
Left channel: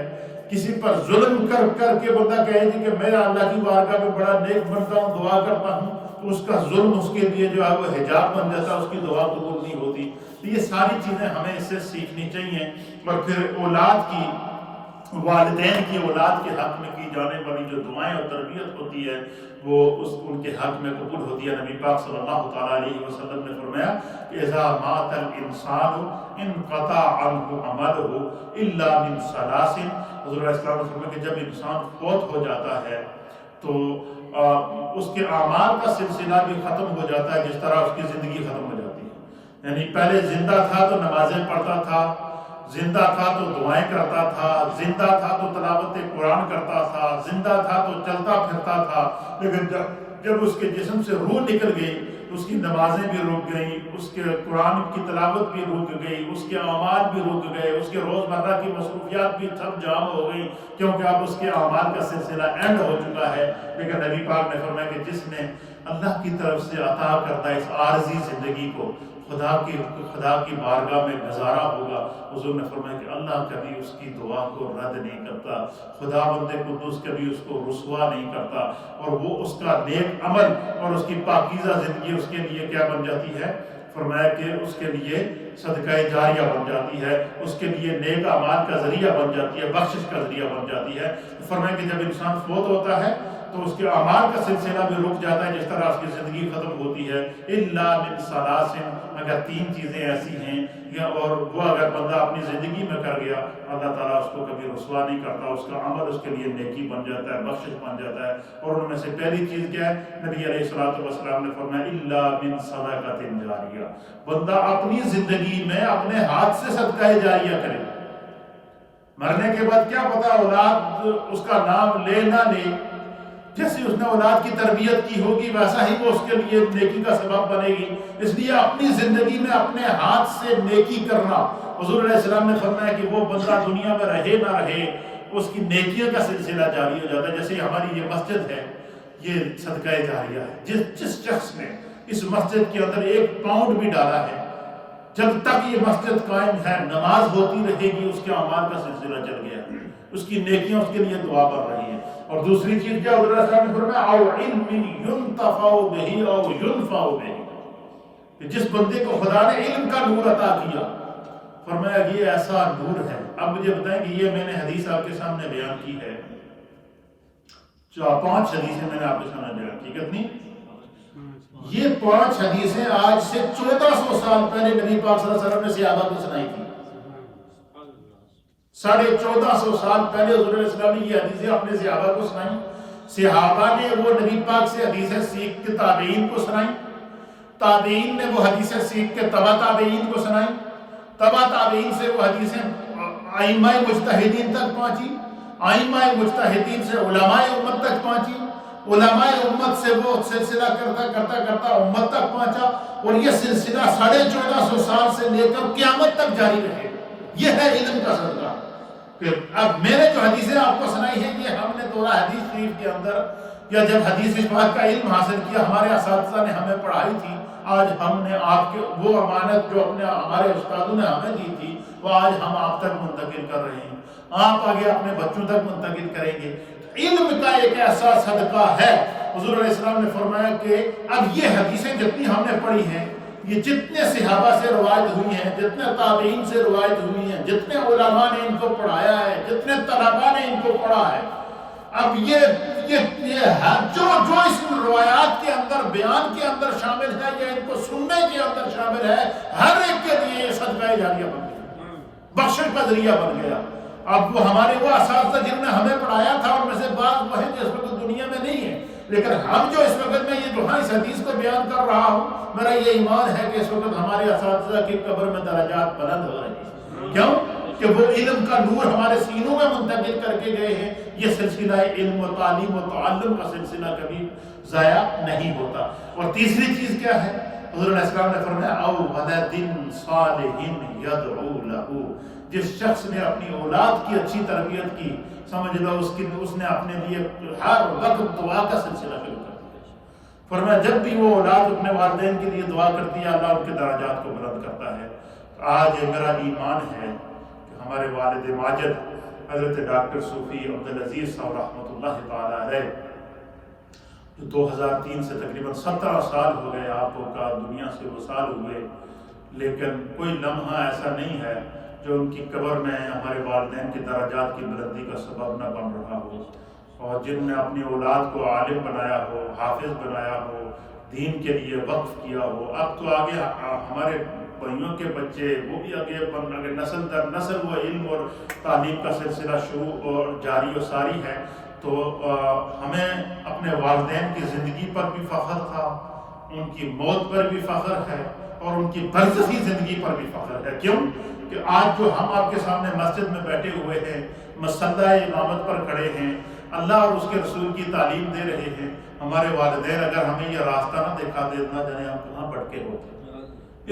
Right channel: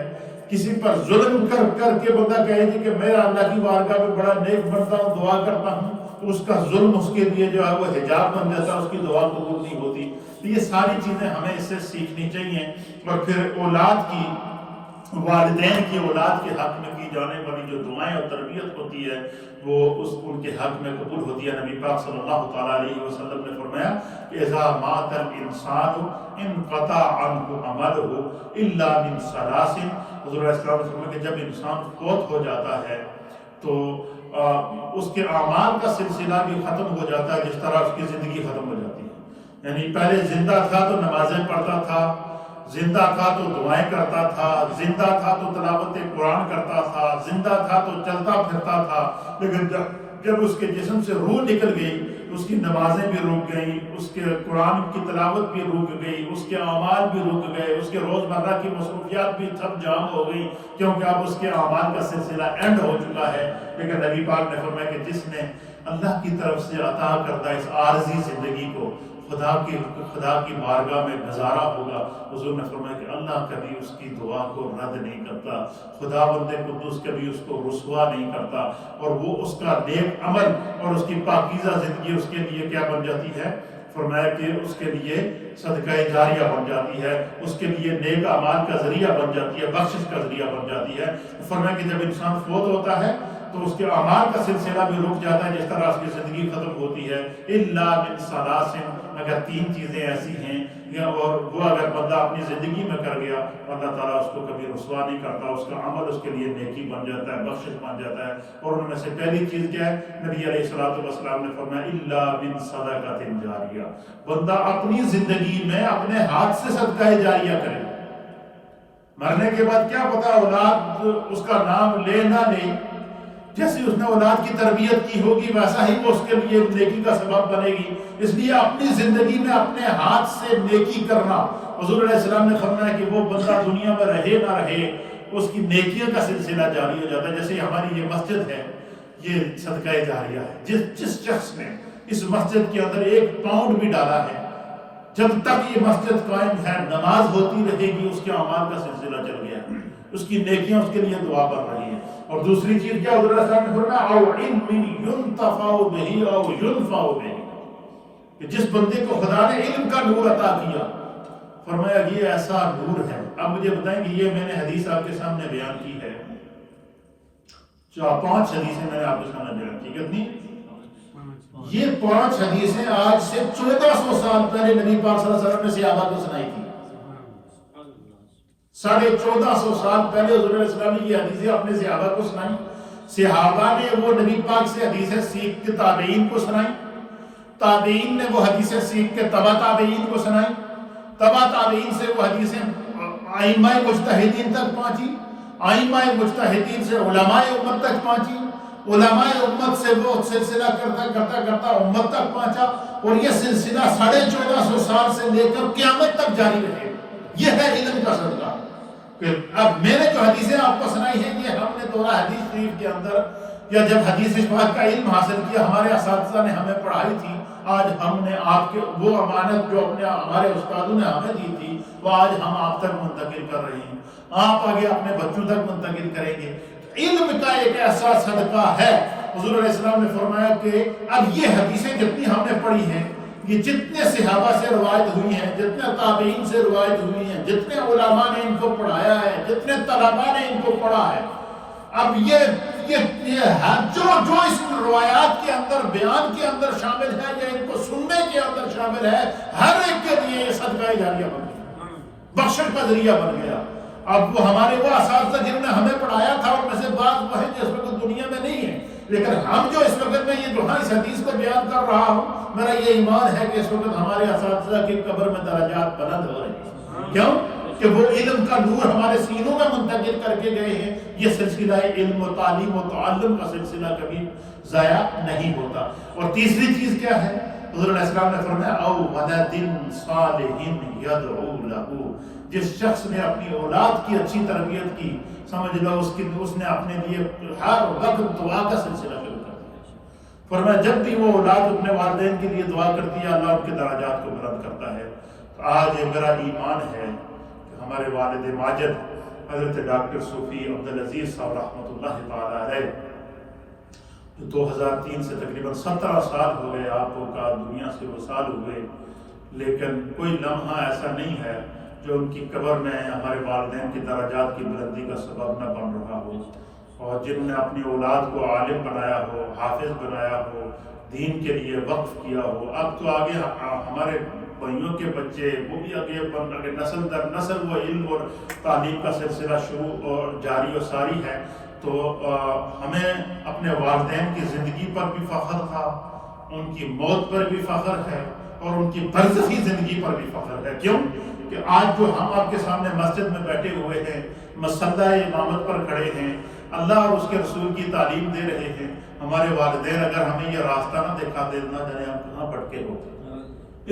کسی پر ظلم کر کے بندہ کہے کہ میں اللہ کی بارگاہ میں بڑا نیک بنتا ہوں، دعا کرتا ہوں، تو اس کا ظلم اس کے لیے جو ہے وہ حجاب بن جاتا ہے، اس کی دعا قبول نہیں ہوتی۔ تو یہ ساری چیزیں ہمیں اس سے سیکھنی چاہیے۔ اور پھر اولاد کی، والدین کی اولاد کے حق میں کی جانے والی جو دعائیں اور تربیت ہوتی ہے وہ ان کے حق میں قبول ہوتی ہے۔ نبی پاک صلی اللہ تعالیٰ علیہ وسلم نے فرمایا کہ اذا مات الانسان انقطع عنہ عملہ الا من ثلاث۔ حضور علیہ السلام نے فرمایا کہ جب انسان فوت ہو جاتا ہے تو اس کے اعمال کا سلسلہ بھی ختم ہو جاتا ہے جس طرح اس کی زندگی ختم ہو جاتی ہے۔ یعنی پہلے زندہ تھا تو نمازیں پڑھتا تھا، زندہ تھا تو دعائیں کرتا تھا، زندہ تھا تو تلاوت قرآن کرتا تھا، زندہ تھا تو چلتا پھرتا تھا، لیکن جب اس کے جسم سے روح نکل گئی اس کی نمازیں بھی رک گئیں، اس کے قرآن کی تلاوت بھی رک گئی، اس کے اعمال بھی رک گئے، اس کے روزمرہ کی مصروفیات بھی سب جام ہو گئی، کیونکہ اب اس کے اعمال کا سلسلہ اینڈ ہو چکا ہے۔ لیکن نبی پاک نے فرمایا کہ جس نے اللہ کی طرف سے عطا کردہ اس عارضی زندگی کو خدا کی بارگاہ میں گزارا ہوگا، حضور نے فرمایا کہ اللہ کبھی اس کی دعا کو رد نہیں کرتا، خدا بندے قدوس کبھی اس کو رسوا نہیں کرتا، اور وہ اس کا نیک عمل اور اس کی پاکیزہ زندگی اس کے لیے کیا بن جاتی ہے؟ فرمایا کہ اس کے لیے صدقہ جاریہ بن جاتی ہے، اس کے لیے نیک اعمال کا ذریعہ بن جاتی ہے، بخشش کا ذریعہ بن جاتی ہے۔ فرمایا کہ جب انسان فوت ہوتا ہے تو اس کے اعمال کا سلسلہ بھی رک جاتا ہے، جس طرح اس کی زندگی ختم ہوتی ہے۔ الا من ثلاث، اگر تین چیزیں ایسی ہیں اور وہ اگر بندہ اپنی زندگی میں کر گیا، اللہ تعالیٰ اس کو کبھی رسوا نہیں کرتا، اس کا عمل اس کے لیے نیکی بن جاتا ہے، بخشش بن جاتا ہے۔ اور ان میں سے پہلی چیز کیا ہے؟ نبی علیہ الصلوۃ والسلام نے فرمایا الا من صدقۃ جاریہ، بندہ اپنی زندگی میں اپنے ہاتھ سے صدقہ جاریہ کرے۔ مرنے کے بعد کیا پتا اولاد اس کا نام لے نہ لے، جیسے اس نے اولاد کی تربیت کی ہوگی ویسا ہی وہ اس کے لیے نیکی کا سبب بنے گی۔ اس لیے اپنی زندگی میں اپنے ہاتھ سے نیکی کرنا، حضور علیہ السلام نے فرمایا کہ وہ بندہ دنیا میں رہے نہ رہے اس کی نیکیوں کا سلسلہ جاری ہو جاتا ہے۔ جیسے ہماری یہ مسجد ہے، یہ صدقہ جاریہ ہے۔ جس شخص نے اس مسجد کے اندر 1 پاؤنڈ بھی ڈالا ہے، جب تک یہ مسجد قائم ہے نماز ہوتی رہے گی، اس کے اعمال کا سلسلہ چل گیا، اس کی نیکیاں اس کے لیے دعا بن رہی ہیں۔ اور دوسری چیز کیا؟ حضور صلی اللہ علیہ وسلم نے فرمایا او علم ينتفع به او ينفع به، کہ جس بندے کو خدا نے علم کا نور عطا کیا، فرمایا کہ یہ ایسا نور ہے۔ اب مجھے بتائیں کہ یہ میں نے حدیث آپ کے سامنے بیان کی ہے، 5 حدیثیں میں نے آپ کے سامنے بیان کی، کتنی؟ یہ 5 حدیثیں آج سے 1400 سال پہلے نبی پاک صلی اللہ علیہ وسلم نے صحابہ کو سنائی تھی۔ 1450 سال پہلے حضور علیہ السلام نے یہ حدیثیں اپنے صحابہ کو سنائیں۔ صحابہ نے وہ نبی پاک سے حدیثیں سیکھ کے تابعین کو سنائیں، تابعین نے وہ حدیثیں سیکھ کے تبع تابعین کو سنائیں، تبع تابعین سے وہ حدیثیں ائمہ مجتہدین تک پہنچی، ائمہ مجتہدین سے علماء امت تک پہنچی، علماء امت سے وہ سلسلہ کرتا امت تک پہنچا، اور یہ سلسلہ 1450 سال سے لے کر قیامت تک جاری رہے۔ یہ ہے علم کا صدقہ۔ اب میں نے جو حدیثیں آپ کو سنائی ہیں، یہ ہم نے دورہ حدیث شریف کے اندر یا جب حدیث پاک کا علم حاصل کیا ہمارے اساتذہ نے ہمیں پڑھائی تھی، آج ہم نے آپ کے وہ امانت جو ہمارے استادوں نے ہمیں دی تھی وہ آج ہم آپ تک منتقل کر رہے ہیں، آپ آگے اپنے بچوں تک منتقل کریں گے۔ علم کا ایک ایسا صدقہ ہے، حضور علیہ السلام نے فرمایا کہ اب یہ حدیثیں جتنی ہم نے پڑھی ہیں، یہ جتنے صحابہ سے روایت ہوئی ہیں، جتنے تابعین سے روایت ہوئی ہیں، جتنے علماء نے ان کو پڑھایا ہے، جتنے طلباء نے ان کو پڑھا ہے، اب یہ جو اس روایات کے اندر بیان کے اندر شامل ہے یا ان کو سننے کے اندر شامل ہے، ہر ایک کے لیے یہ صدقہ جاریہ بن گیا، بخشش کا ذریعہ بن گیا۔ اب وہ ہمارے وہ اساتذہ جنہوں نے ہمیں پڑھایا تھا ان میں سے بعض وہ ہیں جو اس وقت دنیا میں نہیں ہیں، لیکن ہم جو اس وقت میں یہ جو اس حدیث کو بیان کر رہا ہوں، میرا یہ ایمان ہے کہ اس وقت ہمارے اساتذہ کی قبر میں درجات بلند ہو رہے ہیں۔ کیوں؟ کہ وہ علم کا نور ہمارے سینوں میں منتقل کر کے گئے ہیں۔ یہ سلسلہ علم و تعلیم و تعلم کا سلسلہ کبھی ضائع نہیں ہوتا۔ اور تیسری چیز کیا ہے؟ حضور علیہ السلام نے فرمایا او ولد صالح یدعو لہ، جس شخص نے اپنی اولاد کی اچھی تربیت کی، سمجھ لو اس نے اپنے لیے ہر وقت دعا کا سلسلہ شروع کر دیا۔ فرمایا جب بھی وہ اولاد اپنے والدین کے لیے دعا کرتی ہے، اللہ ان کے درجات کو بلند کرتا ہے۔ آج میرا ایمان ہے کہ ہمارے والد ماجد حضرت ڈاکٹر صوفی عبدالعزیز صاحب رحمۃ اللہ تعالی علیہ، جو 2003 سے تقریباً 17 سال ہو گئے آپ کا دنیا سے وصال ہوئے، لیکن کوئی لمحہ ایسا نہیں ہے جو ان کی قبر میں ہمارے والدین کی درجات کی بلندی کا سبب نہ بن رہا ہو، اور جنہوں نے اپنی اولاد کو عالم بنایا ہو، حافظ بنایا ہو، دین کے لیے وقف کیا ہو۔ اب تو آگے ہمارے بھائیوں کے بچے وہ بھی آگے نسل در نسل وہ علم اور تعلیم کا سلسلہ شروع اور جاری و ساری ہے۔ تو ہمیں اپنے والدین کی زندگی پر بھی فخر تھا، ان کی موت پر بھی فخر ہے، اور ان کی برزخی زندگی پر بھی فخر ہے۔ کیوں کہ آج جو ہم آپ کے سامنے مسجد میں بیٹھے ہوئے ہیں، مسلح امامت پر کھڑے ہیں، اللہ اور اس کے رسول کی تعلیم دے رہے ہیں، ہمارے والدین اگر ہمیں یہ راستہ نہ دکھاتے نہ جانے ہم کہاں بھٹکے ہوتے۔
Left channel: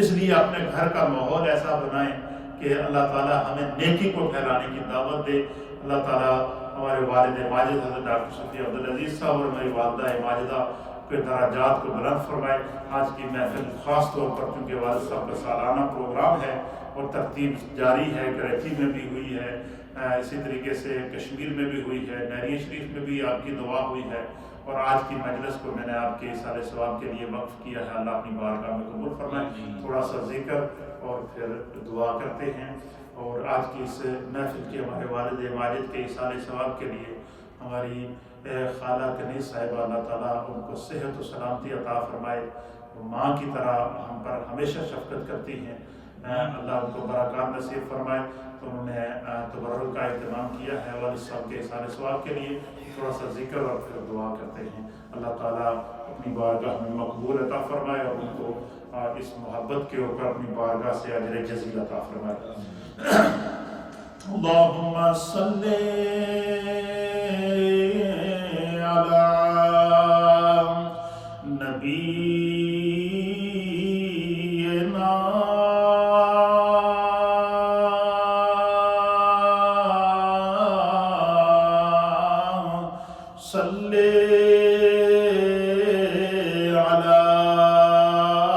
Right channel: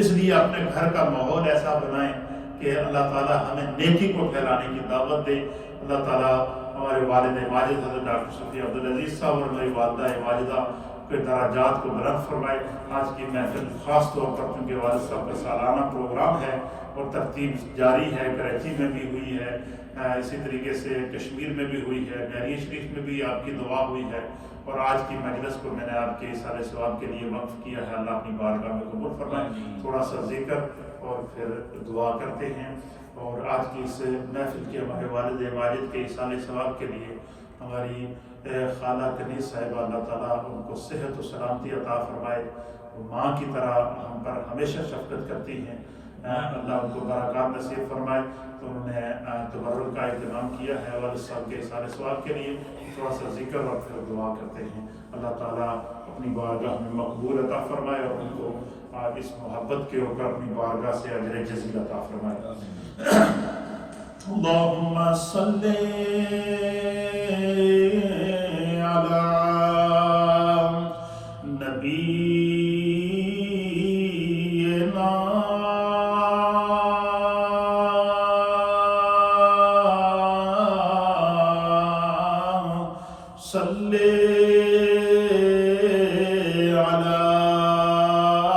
اس لیے اپنے گھر کا ماحول ایسا بنائیں کہ اللہ تعالیٰ ہمیں نیکی کو پھیلانے کی دعوت دے۔ اللہ تعالیٰ ہمارے والد ماجد حضرت ڈاکٹر صوفی عبدالعزیز صاحب اور میری والدہ ماجدہ کے درجات کو بلند فرمائے۔ آج کی محفل خاص طور پر کیونکہ والد صاحب کا سالانہ پروگرام ہے اور ترتیب جاری ہے، کراچی میں بھی ہوئی ہے، اسی طریقے سے کشمیر میں بھی ہوئی ہے، نہرین شریف میں بھی آپ کی دعا ہوئی ہے، اور آج کی مجلس کو میں نے آپ کے اصالہ ثواب کے لیے وقف کیا ہے۔ اللہ اپنی بارگاہ میں قبول فرمائے۔ تھوڑا سا ذکر اور پھر دعا کرتے ہیں، اور آج کی اس محفل کے ہمارے والد ماجد کے اصالہ ثواب کے لیے ہماری خالہ کنیز صاحبہ، اللہ تعالیٰ ان کو صحت و سلامتی عطا فرمائے، ماں کی طرح ہم پر ہمیشہ شفقت کرتی ہیں، اللہ ان کو برکات نصیب فرمائے۔ تو انہوں نے تبرک کا اہتمام کیا ہے والد صاحب کے اصالہ ثواب کے لیے۔ تھوڑا سا ذکر اور پھر دعا کرتے ہیں۔ اللہ تعالیٰ اپنی بارگاہ میں مقبول عطا فرمائے اور ان کو اس محبت کے اوپر اپنی بارگاہ سے اجر جزیل عطا فرمائے۔ اللہم صلی علی نبینا صلی علی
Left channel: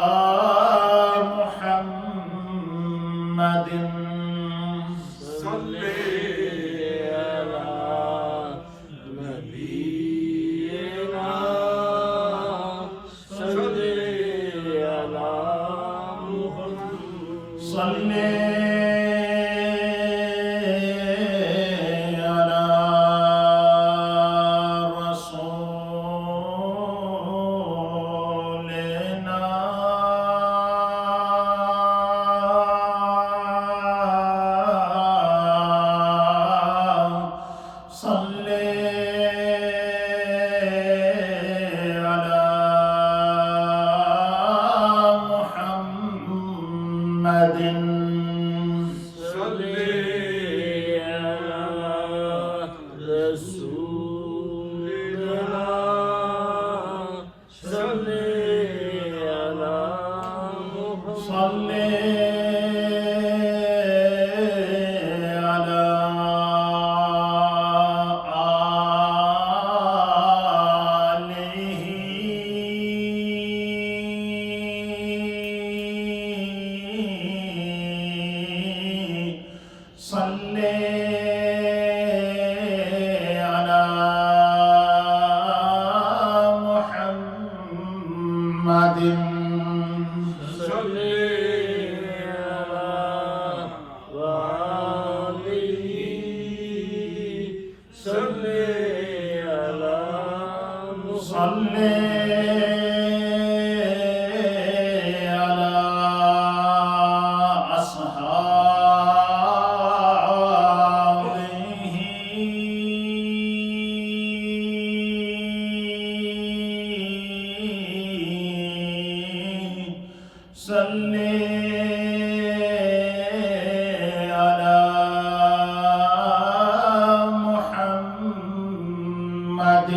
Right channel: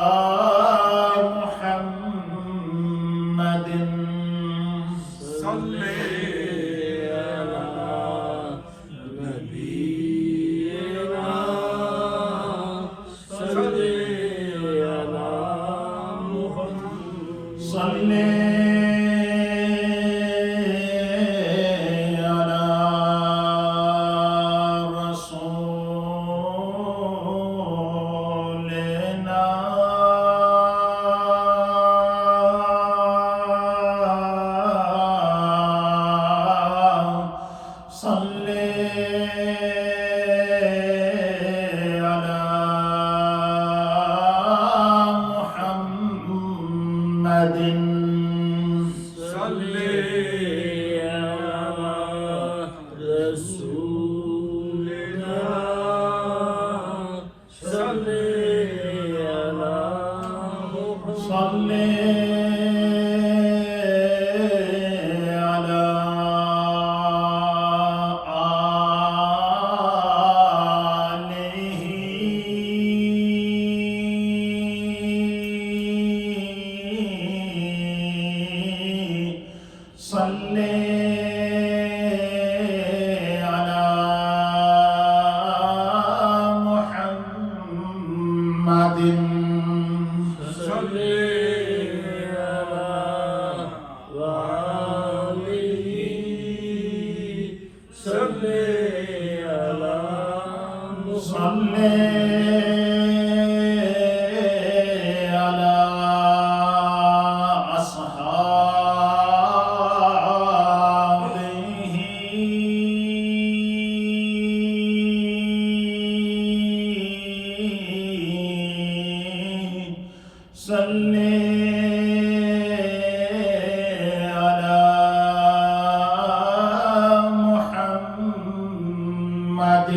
محمد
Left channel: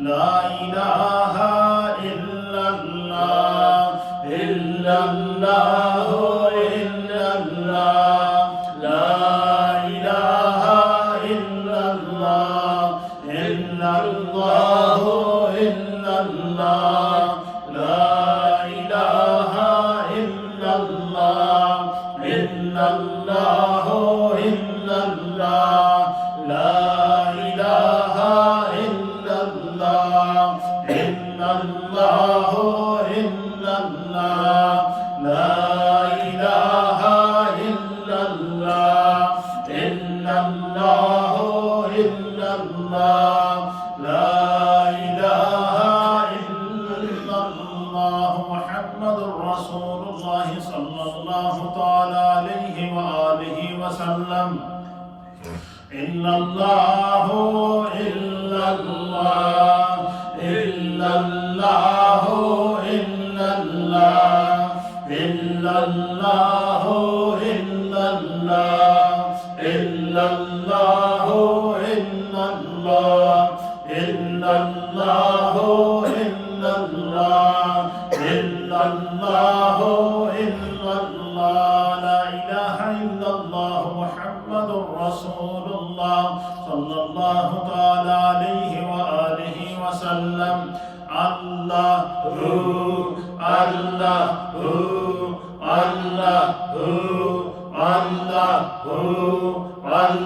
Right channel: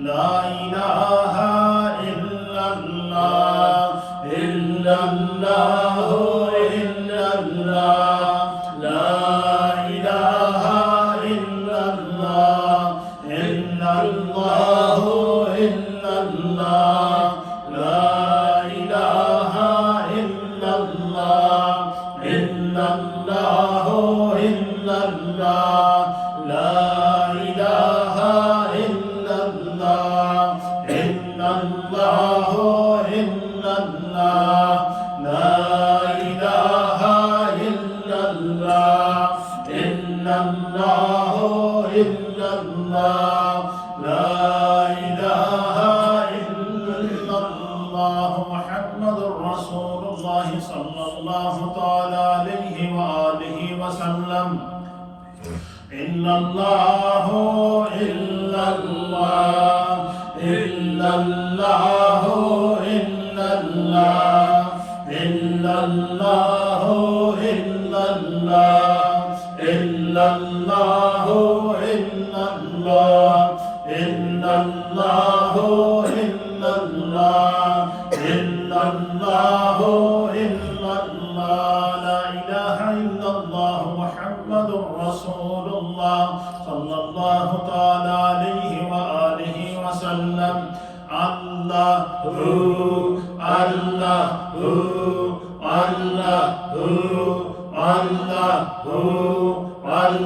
لا إله إلا الله إلا الله إلا الله لا إله إلا الله إلا الله إلا الله لا إله إلا الله إلا الله إلا الله لا إله إلا الله إلا الله إلا الله لا إله إلا الله إلا الله إلا الله لا إله إلا الله محمد رسول الله صلى الله تعالى عليه وآله وسلم إلا الله إلا الله إلا الله إلا الله إلا الله إلا الله إلا الله إلا الله إلا الله إلا الله إلا الله إلا الله لا إله إلا الله محمد رسول الله صلى الله تعالى عليه وآله وسلم الله الله الله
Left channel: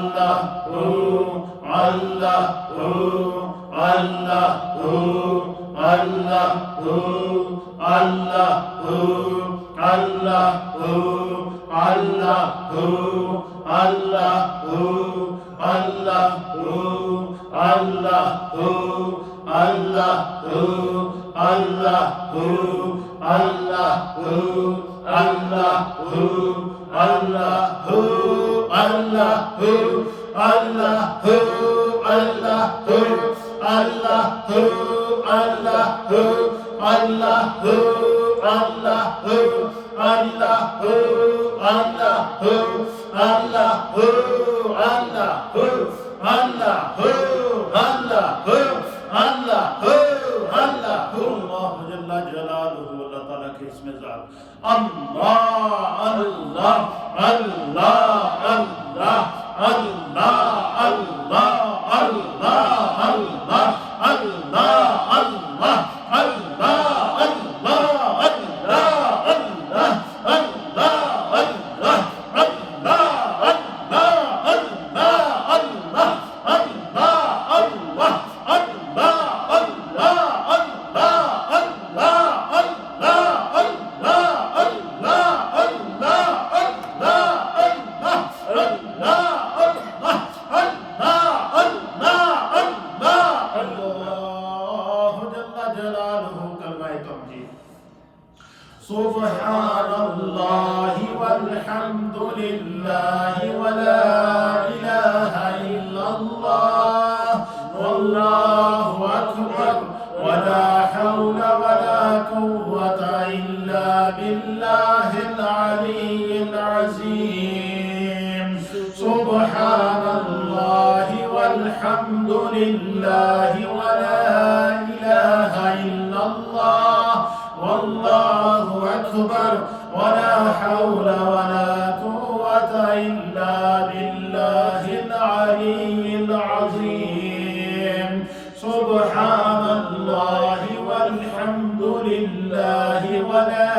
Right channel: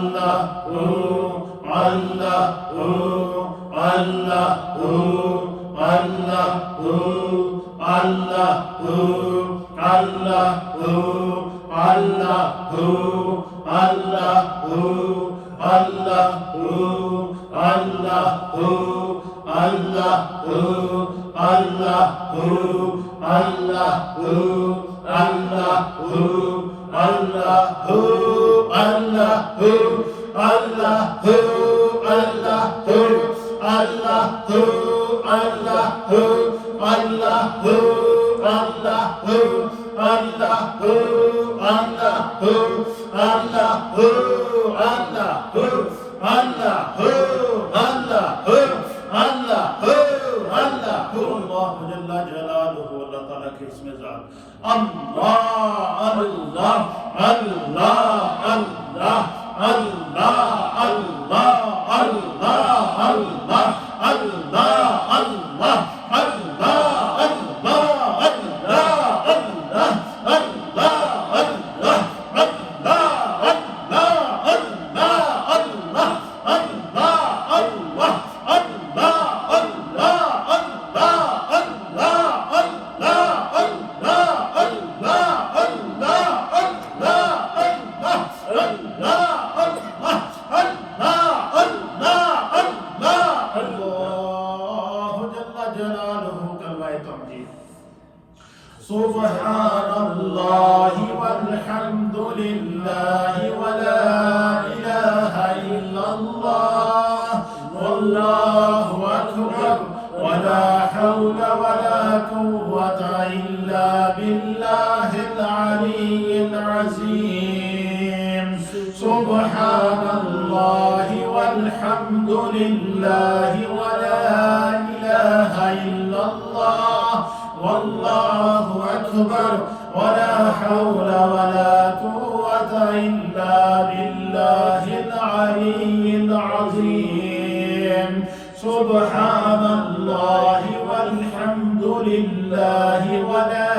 الله الله الله الله الله جل جلاله اللہ تعالیٰ کے اسم ذات اللہ اللہ اللہ اللہ اللہ اللہ اللہ اللہ اللہ اللہ سبحان الله والحمد لله ولا إله إلا الله والله أكبر ولا حول ولا قوة إلا بالله العلي العظيم سبحان الله والحمد لله ولا إله إلا الله والله أكبر ولا حول ولا قوة إلا بالله العلي العظيم سبحان الله والحمد لله ولا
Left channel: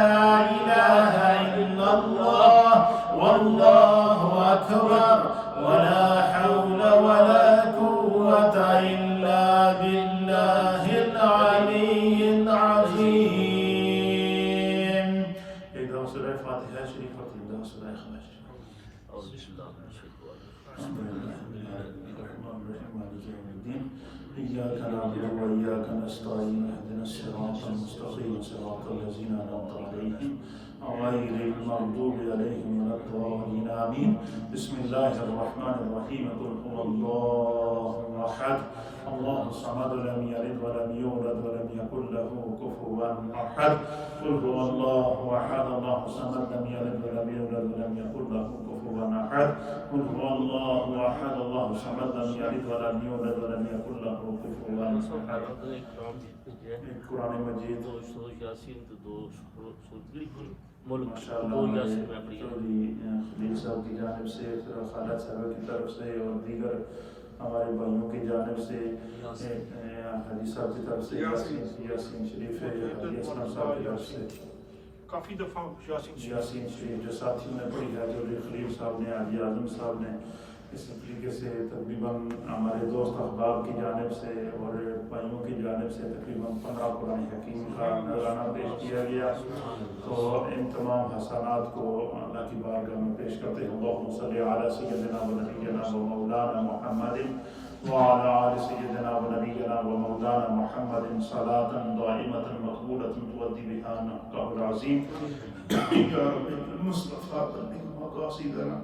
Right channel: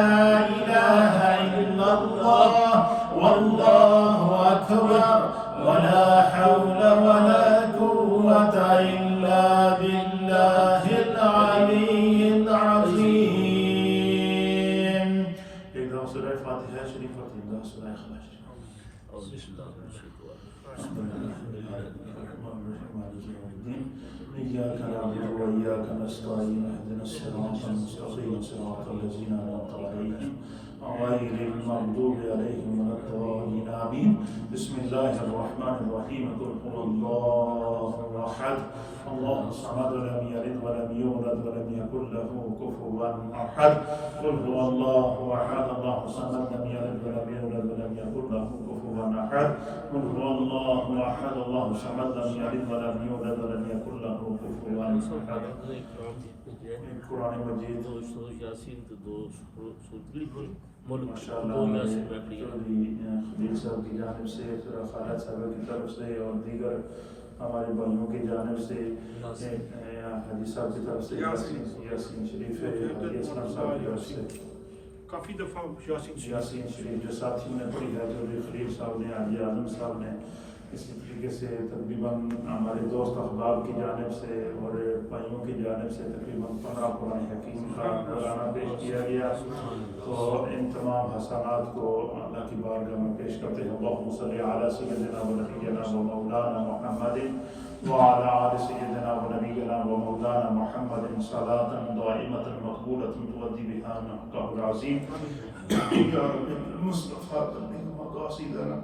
إله إلا الله والله أكبر ولا حول ولا قوة إلا بالله العلي العظيم. اقرأ سورة الفاتحة شريفة الله سورة الإخلاص. بسم الله الرحمن الرحيم. إياك نعبد وإياك نستعين اهدنا الصراط المستقيم صراط الذين أنعمت عليهم غير المغضوب عليهم ولا الضالين آمين. بسم الله الرحمن الرحيم. قل هو الله أحد الله الصمد لم يلد ولم يولد ولم يكن له كفوا أحد. قل هو الله أحد الله الصمد لم يلد ولم يولد ولم يكن له كفوا كفوا أحد قل هو الله أحد الله الصمد لم يلد ولم يولد ولم يكن له كفوا أحد. قرآن مجید ماشاءاللہ ہمارے چودھری خلیل صاحب کی جانب سے، خالد صاحب کی طرف سے اور دیگر ہمارے بھائیوں کی جانب سے، حاجی صاحب کی طرف سے یاسین شریف ہے، حاجی اسلام صاحب کی طرف سے کافی دفعہ یاسین شریف جو ساتھیوں نے پڑھی ہے، چودھری خلیل صاحب نے، حاجی اعظم صاحب نے، اسی طریقے سے تقریباً ہمارے دوست احباب کی جانب سے اور بھائیوں کی جانب سے تقریباً 15 قرآن حکیم کا نذرانہ پیش کیا گیا. تو ان تمام حسنات کو اللہ کی بارگاہ میں پیش کرتے ہیں. اللہم صلی علی سیدنا و نبینا و مولانا محمد وعلى آل سيدنا ونبينا ومولانا محمد صلاة دائمة مقبولة تؤدي بها نحقه العظيم يا رب المصطفى بلغ مقاصدنا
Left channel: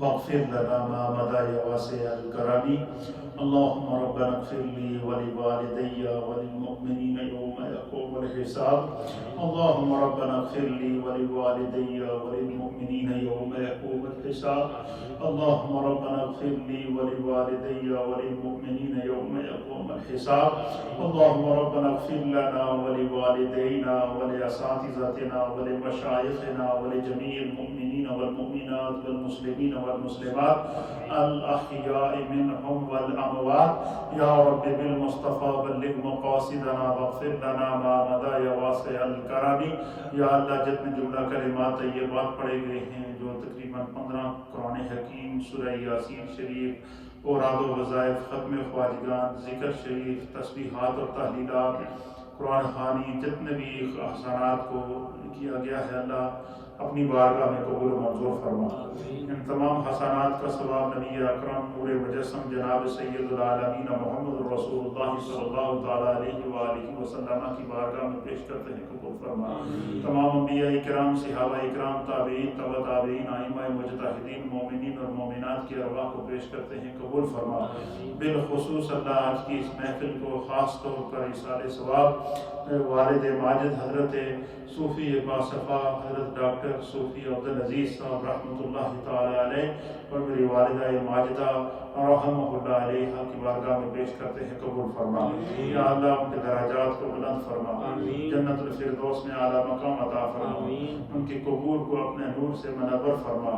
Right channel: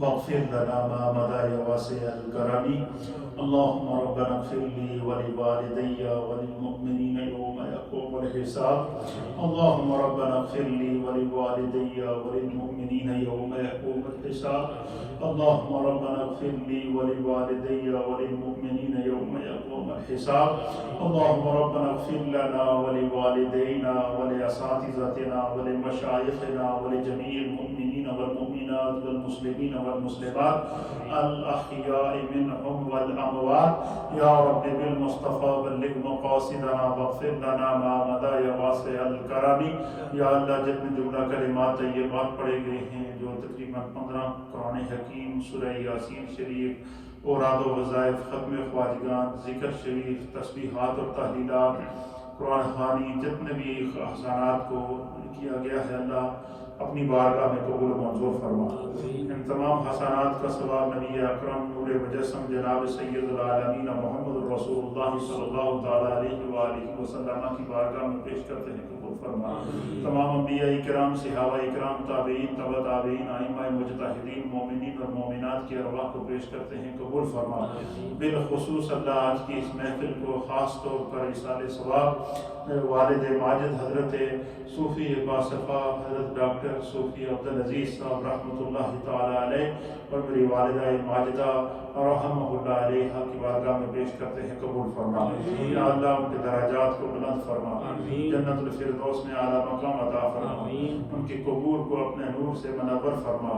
واغفر لنا ما مضى يا واسع الكرم. اللهم ربنا اغفر لي ولوالدي وللمؤمنين يوم يقوم الحساب. اللهم ربنا اغفر لي ولوالدي وللمؤمنين يوم يقوم الحساب. اللهم ربنا اغفر لي ولوالدي وللمؤمنين يوم يقوم الحساب. اللهم ربنا اغفر لنا ولوالدينا ولأساتذتنا ولمشايخنا ولجميع المؤمنين والمؤمنات والمسلمين والمسلمات الأحياء منهم والأموات. يا رب بالمصطفى بلغ مقاصدنا واغفر لنا ما مضى يا واسع الكرم. یا اللہ جتنے جملہ کلمات طیبات پڑھے گئے ہیں، جو تقریباً 15 قرآن حکیم، سورہ یاسین شریف، اوراد و وظائف، ختم خواجگان، ذکر شریف، تسبیحات اور تحلیلات، قرآن خوانی، جتنے بھی احسانات کو کیا گیا ہے، اللہ اپنی بارگاہ میں قبول و منظور فرما. ان تمام حسنات کا ثواب نبی اکرم نور مجسم جناب سید العالمین محمد رسول اللہ صلی اللہ تعالیٰ علیہ وآلہ وسلم کی بارگاہ میں پیش کرتے ہیں، قبول فرما. تمام انبیاء کرام، صحابہ کرام، تابعین، تبع تابعین، ائمہ مجتہدین، مومنین اور مومنات کی ارواح کو پیش کرتے ہیں، قبول فرما. بالخصوص اللہ آج کی اس محفل کو خاص طور پر ایصال ثواب والد ماجد حضرت صوفی باصفا حضرت ڈاکٹر صوفی عبدالعزیز صاحب رحمۃ اللہ تعالی علیہ اور میری والدہ ماجدہ رحمہ اللہ علیہ کی بارگاہ میں پیش کرتے ہیں، قبول فرما. یا اللہ ان کے درجات کو بلند فرما، جنت الفردوس میں اعلیٰ مقام عطا فرما، ان کے قبور کو اپنے نور سے منور فرما،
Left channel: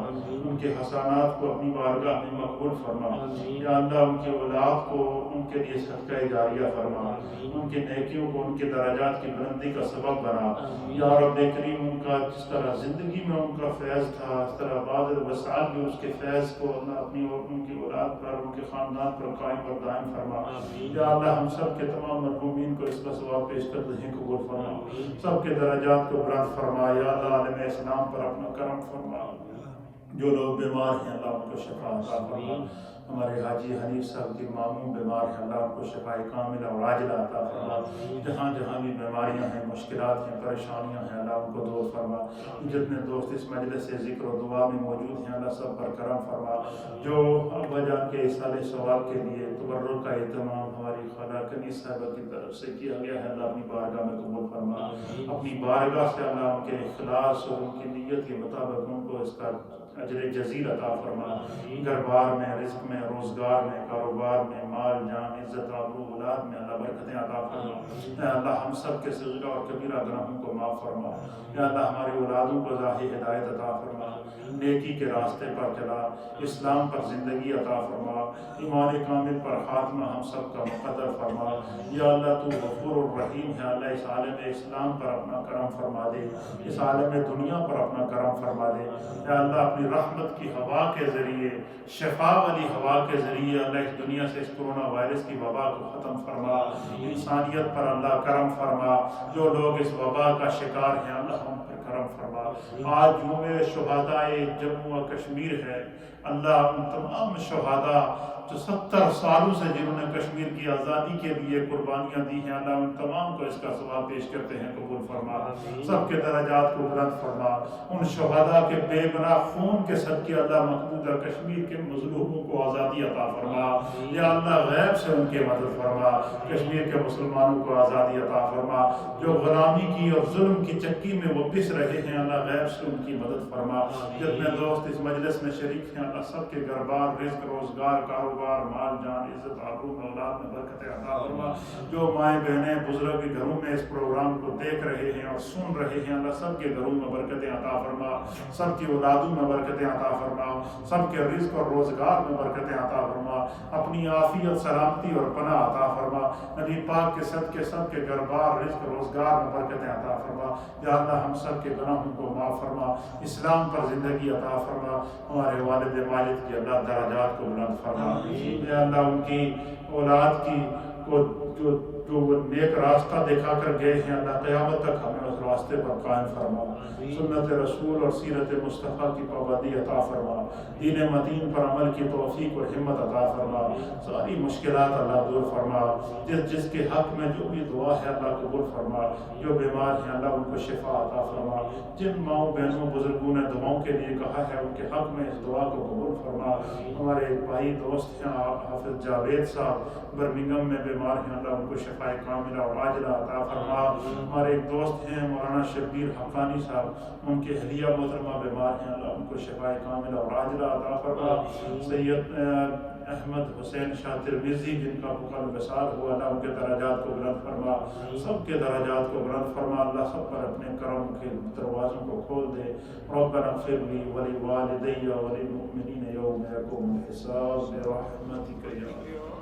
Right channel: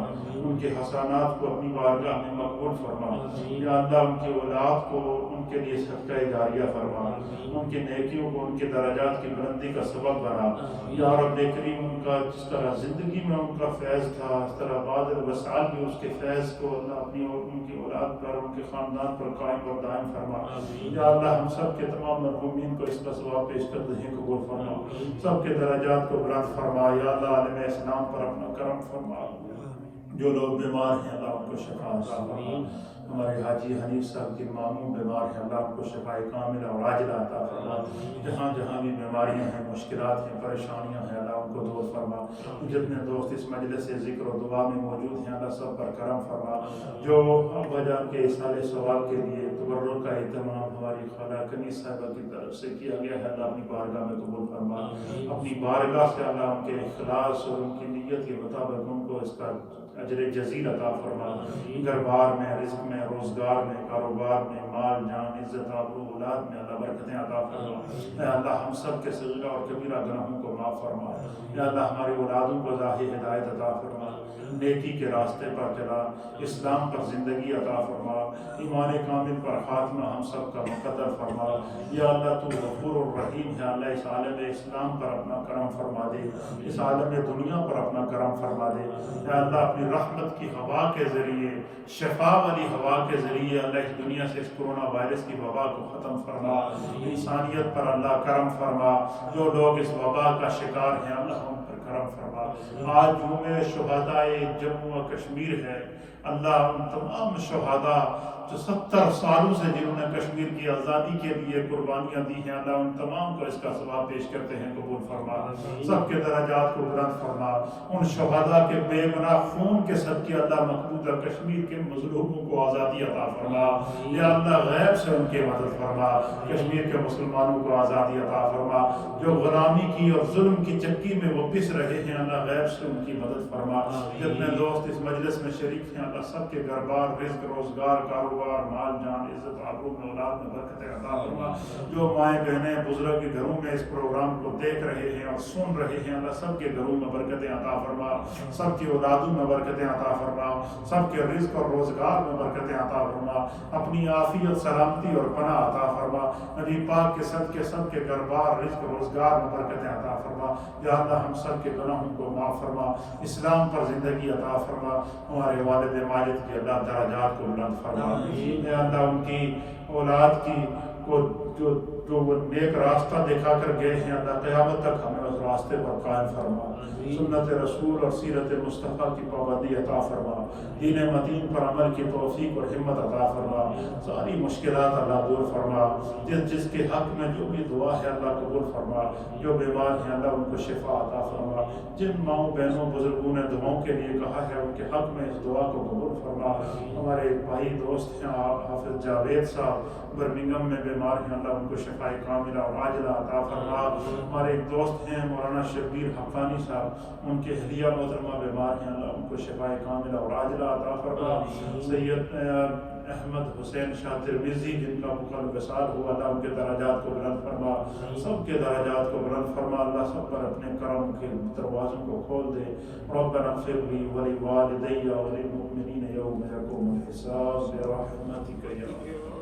ان کے حسنات کو اپنی بارگاہ میں مقبول فرما. یا اللہ ان کی اولاد کو ان کے لیے صدقہ جاریہ فرما، ان کے نیکیوں کو ان کے درجات کی بلندی کا سبب بنا. یا رب کریم ان کا جس طرح زندگی میں ان کا فیض تھا، اس طرح بعد الوسائل بھی اس کے فیض کو اللہ اپنی اور ان کی اولاد پر، ان کے خاندان پر قائم اور دائم فرما. یا اللہ ہم سب کے تمام مرحومین کو اس کا ثواب پیش کرتے ہیں، قبول فرما. سب کے درجات کو بلند فرما. یا اللہ عالم اسلام پر اپنا کرم فرما. جو لوگ بیمار ہیں اللہ ان کو شفا عطا فرما. ہمارے حاجی حنیف صاحب کی ماموں بیمار ہیں، اللہ ان کو شفاء کاملہ اور عاجلہ عطا فرما. جہاں جہاں بھی بیماریاں ہیں، مشکلات ہیں، پریشانیاں ہیں، اللہ ان کو دور فرما. جتنے دوست اس مجلس سے ذکر و دعا میں موجود ہیں، اللہ سب پر کرم فرما. جو ابا جان کے اصال ثواب کے لیے تبرک کا اہتمام ہماری خالہ کنیز صاحبہ کی طرف سے کیا گیا ہے، اللہ اپنی بارگاہ میں قبول فرما. اپنی بارگاہ سے اللہ ان کے اخلاص اور ان کی نیت کے مطابق ان کو اس کا اجر جزیل عطا فرما. گھر بار میں، رزق میں، روزگار میں، کاروبار میں، مال جان، عزت آبرو اولاد میں اللہ برکتیں عطا فرما. اے اللہ ہم سب کے صغیرہ اور کبیرہ گناہوں کو معاف فرما. اے اللہ ہماری اولادوں کو ظاہر ہدایت عطا فرما، نیکی کے راستے پر چلا، اسلام پر زندگی عطا فرما، ایمان کامل پر خاتمہ ہم سب کا مقدر فرما. یا اللہ تو غفور الرحیم ہے، اللہ اس عالم اسلام پر اپنا کرم فرما دے، اس عالم دنیا پر اپنا کرم فرما دے. یا اللہ اپنی رحمت کی ہوا کے ذریعے، شفا والی ہوا کے ذریعے اللہ اس دنیا سے اس کرونا وائرس کی وبا کو ختم فرما. انسانیت پر اللہ کرم فرما. جو لوگ اس وبا کا شکار ہیں اللہ ان پر کرم فرما. آج جمعہ شہداء جموں و کشمیر ہے، اللہ ان تمام شہداء جو 70 سالوں سے جنہوں نے کشمیر کی آزادی کے لیے قربانیاں دی ہیں، اللہ ان تمام کو اس کا ثواب پیش کرتے ہیں، قبول فرما، سب کے درجات کو بلند فرما، ان شہداء کے بے گناہ خون کے صدقے اللہ مقبوضہ کشمیر کے مظلوموں کو آزادی عطا فرما، یا اللہ غیب سے ان کی مدد فرما، کشمیر کے مسلمانوں کو آزادی عطا فرما، جو غلامی کی اور ظلم کی چکی میں وہ پس رہے ہیں، اللہ غیب سے ان کی مدد فرما، جتنے دوست اس مجلس میں شریک ہیں اللہ سب کے گھر بار، رزق، روزگار، کاروبار، مال جان، عزت، آبرو میں، اولاد میں برکت عطا فرما، جو مائیں بہنیں بزرگ کے گھروں میں اس پروگرام کو دیکھ رہے ہیں اور سن رہے ہیں اللہ سب کے گھروں میں برکتیں عطا فرما، سب کی اولادوں میں برکتیں عطا فرما، سب کے رزق اور روزگار میں برکتیں عطا فرما، اپنی عافیت، سلامتی اور پناہ عطا فرما، نبی پاک کے صدقے سب کے گھر بار، رزق، روزگار میں برکتیں عطا فرما، یا اللہ ہم سب کے گناہوں کو معاف فرما، اسلام پر زندگی عطا فرما، ہمارے والد ماجد کی اللہ درجات کو بلند فرما، یا اللہ ان کی اولاد کی کو جو وہ نیک راستہ دکھا کر گئے ہیں اللہ قیامت تک ہمیں اس راستے پر قائم فرما، سنت رسول اور سیرت مصطفیٰ کی پابندی عطا فرما، دین مدین پر عمل کی توفیق اور ہمت عطا فرما، ساری مشکلات اللہ دور فرما، جس کے حق میں جو بھی دعا ہے اللہ قبول فرما، جو بیمار ہیں اللہ ان کو شفا عطا فرما، جن ماؤں بہنوں بزرگوں نے دعاؤں کے لیے کہا ہے ان کے حق میں اس دعا کو قبول فرما، ہمارے ایک بھائی دوست ہیں حافظ جاوید صاحب برمنگم میں بیمار ہیں اللہ ان کو شفا کاملہ اور عاجلہ عطا فرما، ہمارے ایک دوست ہیں مولانا شبیر حقانی صاحب ان کے اہلیہ محترمہ بیمار ہیں اللہ ان کو شفا کاملہ اور عاجلہ عطا فرما، سید احمد حسین شاہ ترمذی جن کا کل وصال ہوا اللہ ان کے درجات کو بلند فرما، سب کے درجات کو بلند فرما، اللہ سب پر اپنے کرم کے دروازوں کو کھول دے، ربنا اغفر لی ولوالدی وللمؤمنین یوم یقوم الحساب برحمتک یا